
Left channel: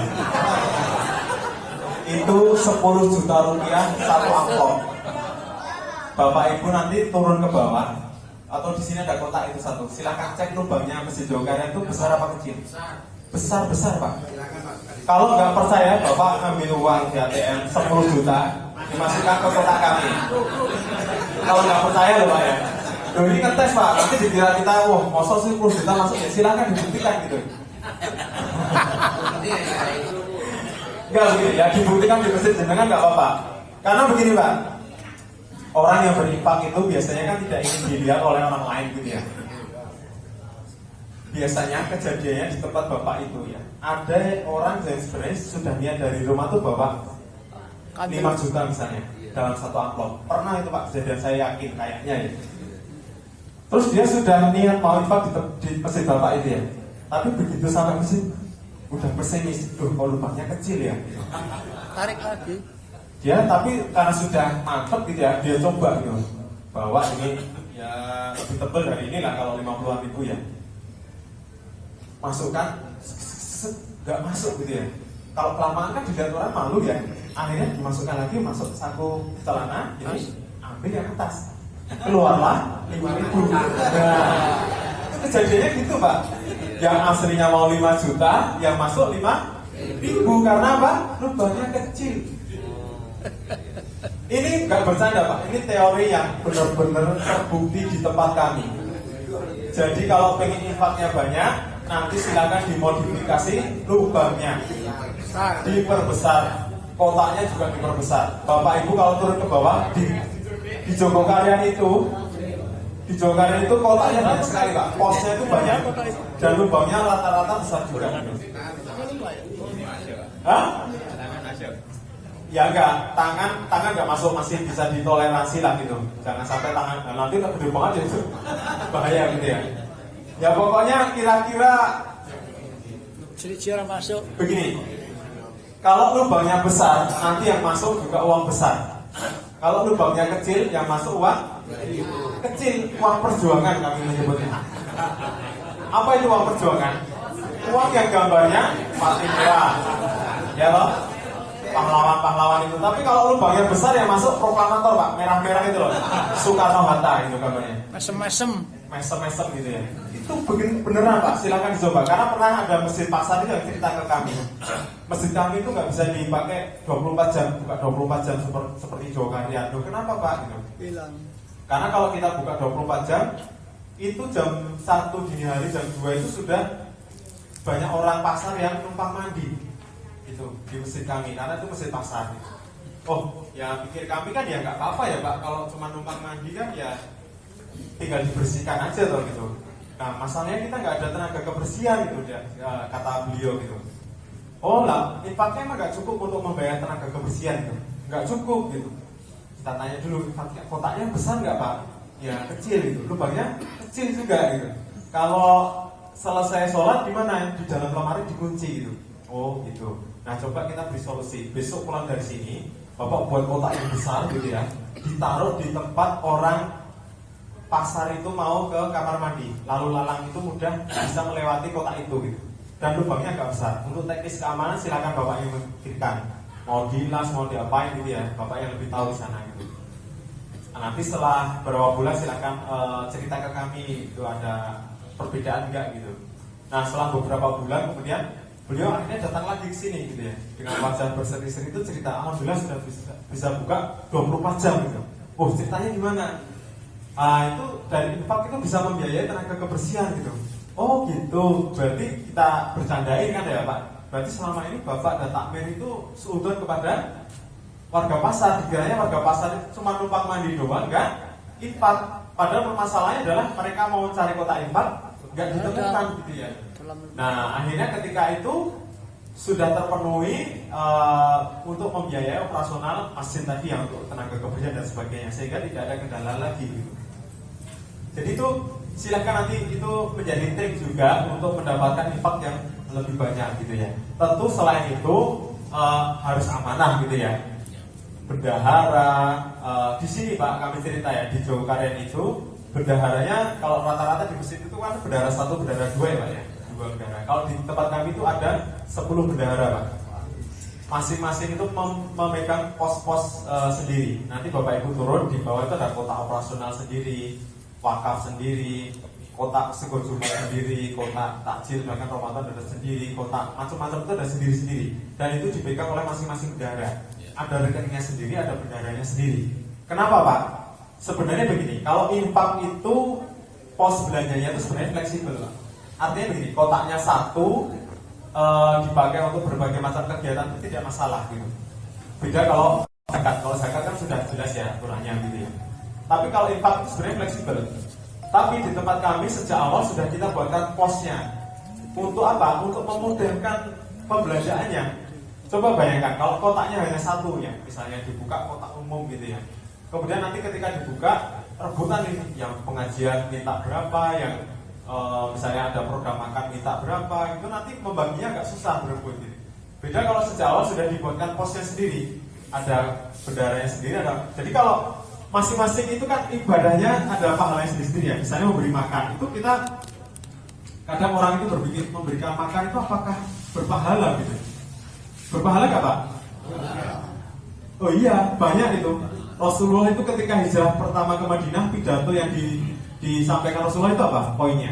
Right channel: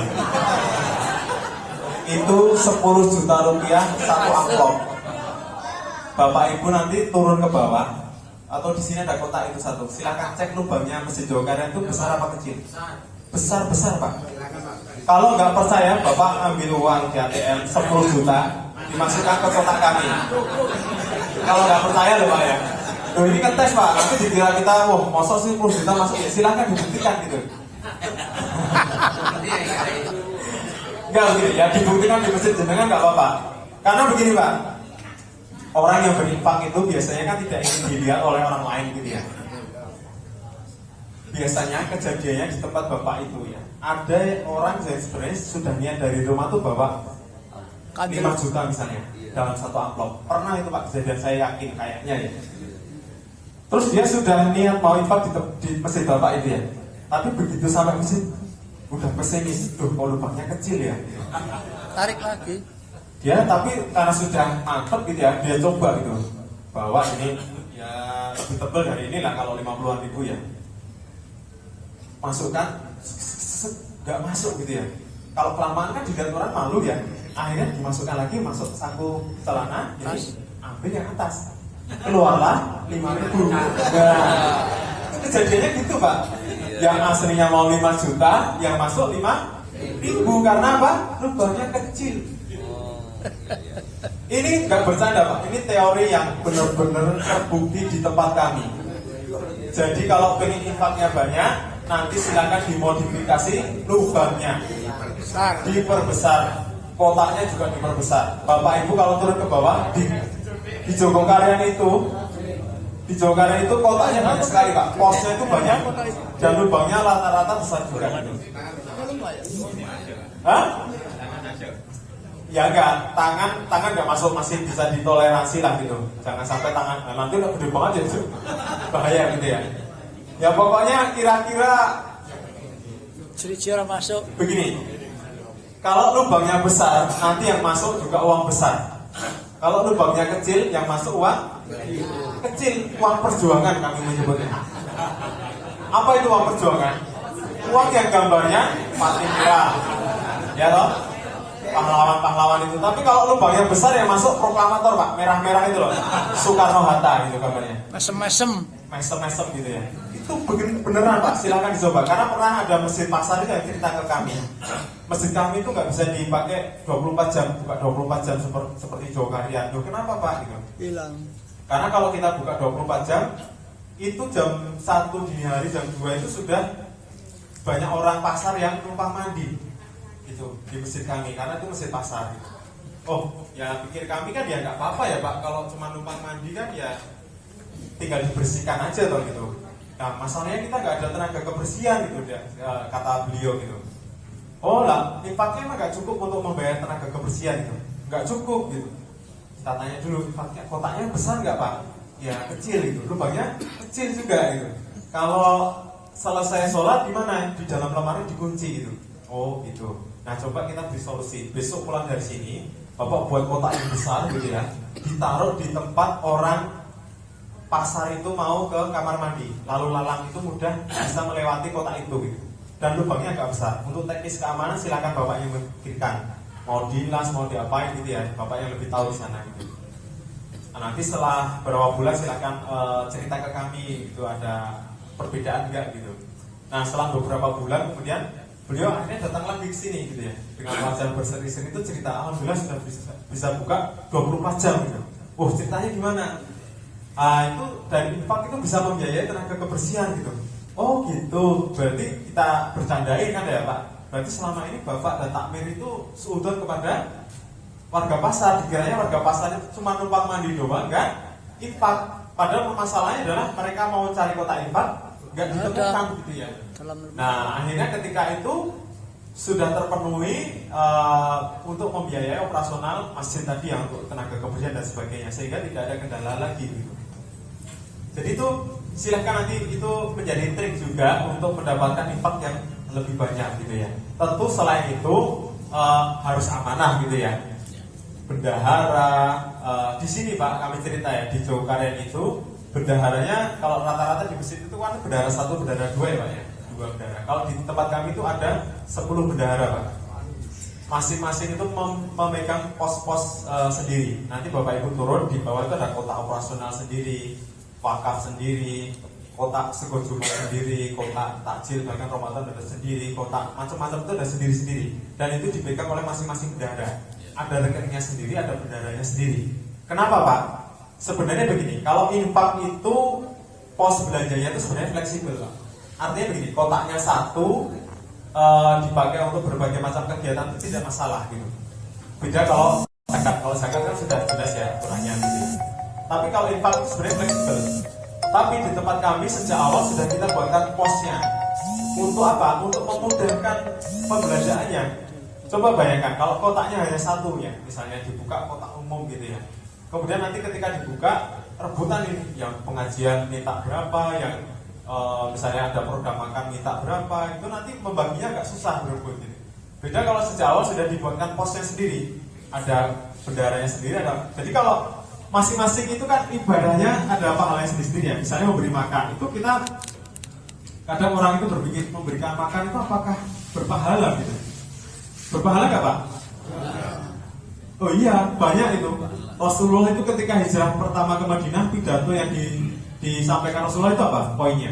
Itu 10 juta rupiah satu amplop. Bapak Ibu nanti turun ke bawah atau di sini ada kotak itu satu. Silakan cek lubangnya Masjid Jawa Karya itu besar apa kecil? Besar Pak. Kalau nggak percaya, Bapak ambil uang di ATM 10 juta dimasukkan ke kotak kami. Kalau nggak percaya loh Pak ya. Loh ini kan tes Pak, nanti dikira kita, masa sih 10 juta masuk ya, silakan dibuktikan gitu. Enggak begini, ya dibuktikan di masjid jenengan nggak apa-apa. Karena begini Pak, orang yang berinfak itu biasanya kan tidak ingin dilihat oleh orang lain gitu ya. Biasanya kejadiannya di tempat Bapak itu ya, ada orang yang sebenarnya sudah niat dari rumah tuh bawa 5 juta misalnya dalam satu amplop. Pernah itu Pak kejadian, saya yakin kayaknya ya. Terus dia sudah niat mau infak di masjid Bapak itu ya. Tapi begitu sampai masjid udah pesimis, tuh kalau lubangnya kecil ya. Tarik lagi. Dia tapi karena sudah mantep gitu ya, dia coba gitu. Bahwa ini ya lebih tebal dari ini lah kalau 50-an ribu ya. Masukkan, nggak masuk gitu ya. Kalau kelamaan kan dilihat orang malu ya. Akhirnya dimasukkan lagi, masuk saku celana, jadi ambil yang atas. Keluarlah 5.000. Nah, kejadiannya gitu Pak. Yang aslinya mau 5 juta, yang masuk 5.000 karena apa? Lubangnya kecil. Ini nggak bercanda Pak. Ini teori yang benar-benar terbukti di tempat kami. Jadi kalau pengen infaknya banyak, nanti silakan dimodifikasi lubangnya, diperbesar, kotaknya juga diperbesar. Bapak Ibu kalau turun ke bawah di Jogokaryan itu, kotaknya banyak sekali Pak, posnya itu banyak dan lubangnya rata-rata besar juga. Hah? Ya enggak, tangan enggak masuk, masih bisa ditoleransi lah gitu. Jangan sampai tangan, nanti udah gede banget ya itu bahaya gitu ya. Ya pokoknya kira-kira Ciri-ciri masuk. begini. Kalau lubangnya besar, nanti yang masuk juga uang besar. Kalau lubangnya kecil, yang masuk uang kecil, uang perjuangan kami menyebutnya. Apa itu uang perjuangan? Uang yang gambarnya mati merah, ya loh, pahlawan-pahlawan itu. Tapi kalau lubangnya besar yang masuk proklamator Pak, merah-merah itu loh, Soekarno-Hatta itu gambarnya. Mesem-mesem gitu ya. Itu beneran Pak, silakan dicoba. Karena pernah ada masjid pasar itu yang cerita ke kami. Masjid kami itu nggak bisa dipakai 24 jam, buka 24 jam seperti Jawa Karya. Kenapa Pak? Gitu. Hilang. Karena kalau kita buka 24 jam, itu jam 1 dini hari, jam 2 itu sudah banyak orang pasar yang numpang mandi. Itu di masjid kami, karena itu masjid pasar. Oh, ya pikir kami kan ya nggak apa-apa ya Pak, kalau cuma numpang mandi kan ya tinggal dibersihkan aja tuh gitu. Nah masalahnya kita nggak ada tenaga kebersihan gitu ya, kata beliau gitu. Oh lah, infaknya emang nggak cukup untuk membayar tenaga kebersihan gitu, nggak cukup gitu. Kita tanya dulu, infaknya kotaknya besar nggak Pak? Ya kecil gitu, lubangnya kecil juga gitu. Kalau selesai sholat gimana? Di dalam lemari dikunci gitu. Oh gitu. Nah coba kita beri solusi. Besok pulang dari sini, Bapak buat kotak yang besar gitu ya, ditaruh di tempat orang pasar itu mau ke kamar mandi, lalu lalang itu mudah bisa melewati kotak itu gitu. Dan lubangnya agak besar. Untuk teknis keamanan silakan Bapak yang memikirkan. Mau dilas, mau diapain gitu ya, Bapak yang lebih tahu di sana gitu. Nah, nanti setelah beberapa bulan silakan cerita ke kami itu ada perbedaan enggak gitu. Nah setelah beberapa bulan kemudian beliau akhirnya datang lagi ke sini gitu ya, dengan wajah berseri-seri itu cerita, alhamdulillah sudah bisa buka 24 jam gitu. Oh ceritanya gimana? Itu dari infak itu bisa membiayai tenaga kebersihan gitu. Oh gitu, berarti kita bercandain kan ya Pak. Berarti selama ini Bapak dan takmir itu seudon kepada warga pasar. Dikiranya warga pasar itu cuma numpang mandi doang, enggak infak. Padahal masalahnya adalah mereka mau mencari kotak infak, enggak ditemukan gitu ya. Nah akhirnya ketika itu sudah terpenuhi untuk membiayai operasional masjid tadi yang untuk tenaga kebersihan dan sebagainya, sehingga tidak ada kendala lagi gitu. Jadi itu silahkan nanti itu menjadi trik juga untuk mendapatkan infak yang lebih banyak gitu ya. Tentu selain itu harus amanah gitu ya. Bendahara di sini Pak kami cerita ya di Jogokarian itu bendaharanya kalau rata-rata di masjid itu kan bendahara 1, bendahara 2 ya Pak ya, 2 bendahara. Kalau di tempat kami itu ada 10 bendahara Pak. Masing-masing itu memegang pos-pos sendiri. Nanti Bapak Ibu turun di bawah itu ada kotak operasional sendiri, wakaf sendiri, kotak sekojuna sendiri, kotak takjil bahkan Ramadan ada sendiri, kotak macam-macam itu ada sendiri-sendiri. Dan itu dipegang oleh masing-masing bendahara. Ada rekeningnya sendiri, ada bendaharanya sendiri. Kenapa Pak? Sebenarnya begini, kalau infak itu pos belanjanya itu sebenarnya fleksibel Pak. Artinya begini, kotaknya satu dipakai untuk berbagai macam kegiatan itu tidak masalah gitu. Beda kalau zakat kan sudah jelas ya aturannya gitu ya. Tapi kalau infak itu sebenarnya fleksibel. Tapi di tempat kami sejak awal sudah kita buatkan posnya. Untuk apa? Untuk memudahkan pembelanjaannya. Coba bayangkan kalau kotaknya hanya satu ya, misalnya dibuka kotak umum gitu ya. Kemudian nanti ketika dibuka rebutan ini, yang pengajian minta berapa, yang misalnya ada program makan minta berapa, itu nanti membaginya agak susah berebut gitu. Beda kalau sejak awal sudah dibuatkan posnya sendiri, ada bendaharanya sendiri, ada. Jadi kalau masing-masing itu kan ibadahnya ada pahalanya sendiri-sendiri ya. Misalnya memberi makan, itu kita kadang orang itu berpikir memberikan makan itu apakah berpahala gitu. Berpahala gak Pak? Oh iya, banyak itu. Rasulullah itu ketika hijrah pertama ke Madinah, pidato yang disampaikan Rasulullah itu apa poinnya?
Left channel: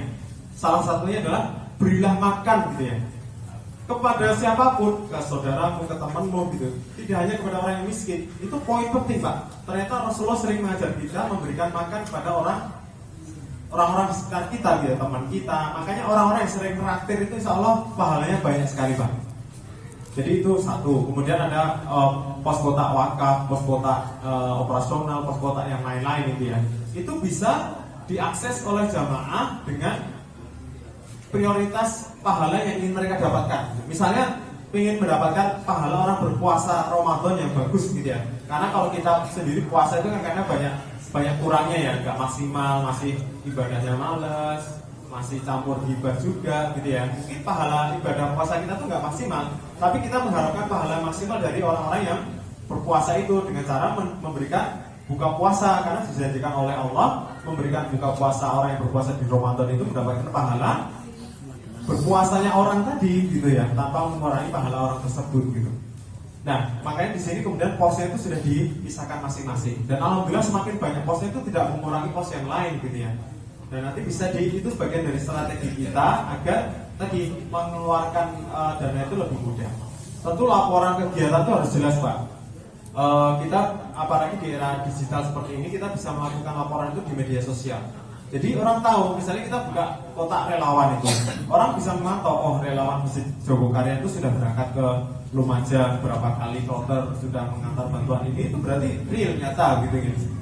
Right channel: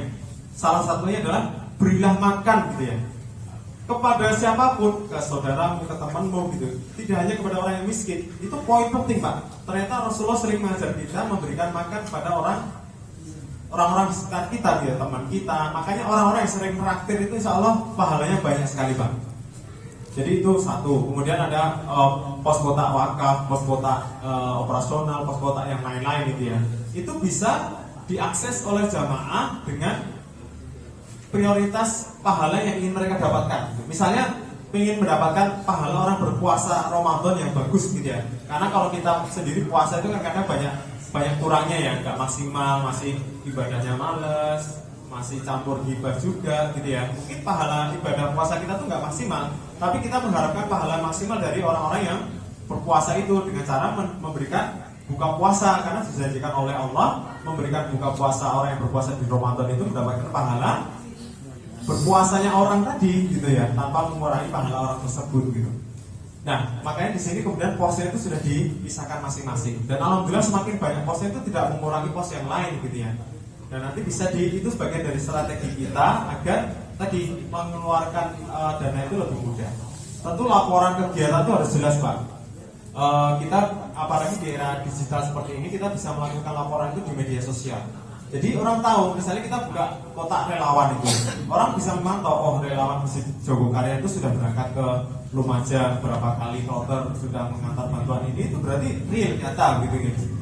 Salah satunya adalah berilah makan gitu ya kepada siapapun, ke saudaramu, ke temanmu gitu. Tidak hanya kepada orang yang miskin. Itu poin penting Pak. Ternyata Rasulullah sering mengajar kita memberikan makan kepada orang-orang di sekitar kita gitu ya, teman kita. Makanya orang-orang yang sering meraktir itu insya Allah pahalanya banyak sekali Pak. Jadi itu satu. Kemudian ada pos kotak wakaf, pos kotak operasional, pos kotak yang lain-lain gitu ya. Itu bisa diakses oleh jamaah dengan prioritas pahala yang ingin mereka dapatkan. Misalnya ingin mendapatkan pahala orang berpuasa Ramadan yang bagus gitu ya. Karena kalau kita sendiri puasa itu kan kadang banyak kurangnya ya, nggak maksimal, masih ibadahnya malas, masih campur hibah juga gitu ya. Mungkin pahala ibadah puasa kita tuh nggak maksimal, tapi kita mengharapkan pahala maksimal dari orang-orang yang berpuasa itu dengan cara memberikan buka puasa, karena dijanjikan oleh Allah memberikan buka puasa orang yang berpuasa di Ramadan itu mendapatkan pahala berpuasanya orang tadi gitu ya, tanpa mengurangi pahala orang tersebut gitu. Nah, makanya di sini kemudian posnya itu sudah dipisahkan masing-masing. Dan alhamdulillah semakin banyak posnya itu tidak mengurangi pos yang lain gitu ya. Dan nanti bisa itu sebagian dari strategi kita agar tadi mengeluarkan dana itu lebih mudah. Tentu laporan kegiatan itu harus jelas Pak. Kita apalagi di era digital seperti ini kita bisa melakukan laporan itu di media sosial. Jadi orang tahu, misalnya kita buka kotak relawan itu, orang bisa memantau, oh relawan Masjid Jogokarian itu sudah berangkat ke Lumajang berapa kali kloter, sudah mengantar bantuan ini, itu berarti real, nyata gitu.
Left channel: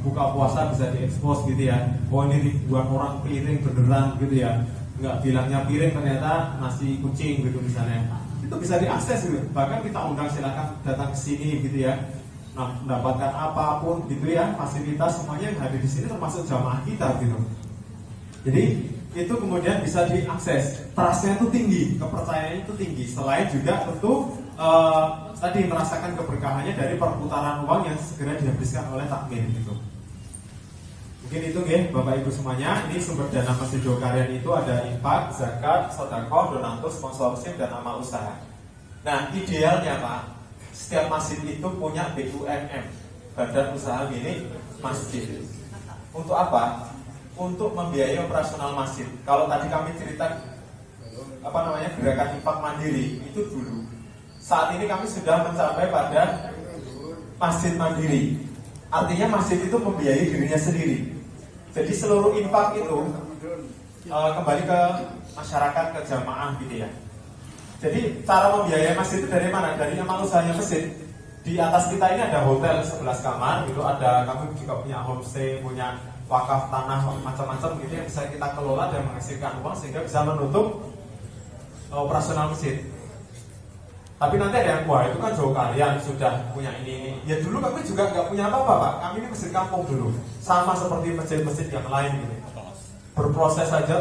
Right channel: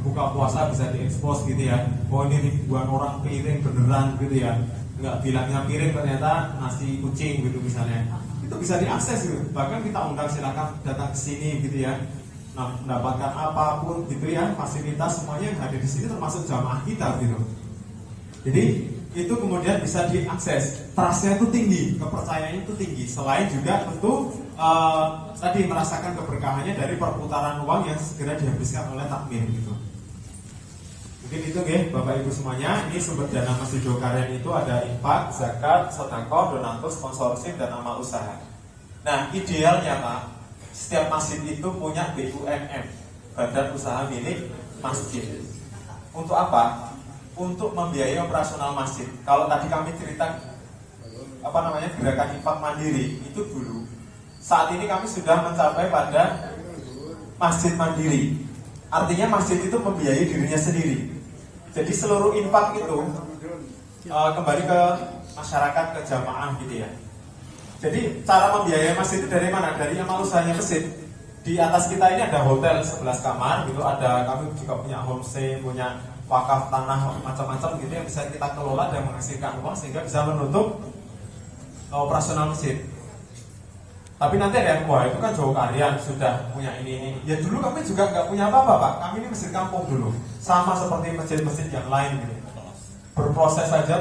Buka puasa bisa diekspos gitu ya, oh ini ribuan orang piring beneran gitu ya, nggak bilangnya piring ternyata nasi kucing gitu misalnya, itu bisa diakses gitu. Bahkan kita undang silakan datang ke sini gitu ya. Nah, mendapatkan apapun gitu ya, fasilitas semuanya yang hadir di sini termasuk jamaah kita gitu. Jadi itu kemudian bisa diakses, trustnya itu tinggi, kepercayaannya itu tinggi. Selain juga tentu tadi merasakan keberkahannya dari perputaran uang yang segera dihabiskan oleh takmir gitu. Mungkin itu ya Bapak Ibu semuanya. Ini sumber dana Masjid Jogokarian itu ada infak, zakat, sedekah, donatus, sponsorship, dan amal usaha. Nah idealnya Pak, setiap masjid itu punya BUMN, Badan Usaha Milik Masjid. Untuk apa? Untuk membiayai operasional masjid. Kalau tadi kami cerita gerakan infak mandiri itu dulu. Saat ini kami sudah mencapai pada masjid mandiri. Artinya masjid itu membiayai dirinya sendiri. Jadi seluruh infak itu kembali ke masyarakat, ke jamaah gitu ya. Jadi cara membiayai masjid itu dari mana? Dari amal usahanya masjid. Di atas kita ini ada hotel 11 kamar gitu, ada kami juga punya homestay, punya wakaf tanah macam-macam gitu yang bisa kita kelola dan menghasilkan uang sehingga bisa menutup operasional masjid. Tapi nanti ada yang wah itu kan Jogokarian sudah punya ini. Ya dulu kami juga nggak punya apa-apa Pak. Kami ini masjid kampung dulu, sama seperti masjid-masjid yang lain gitu. berproses saja terus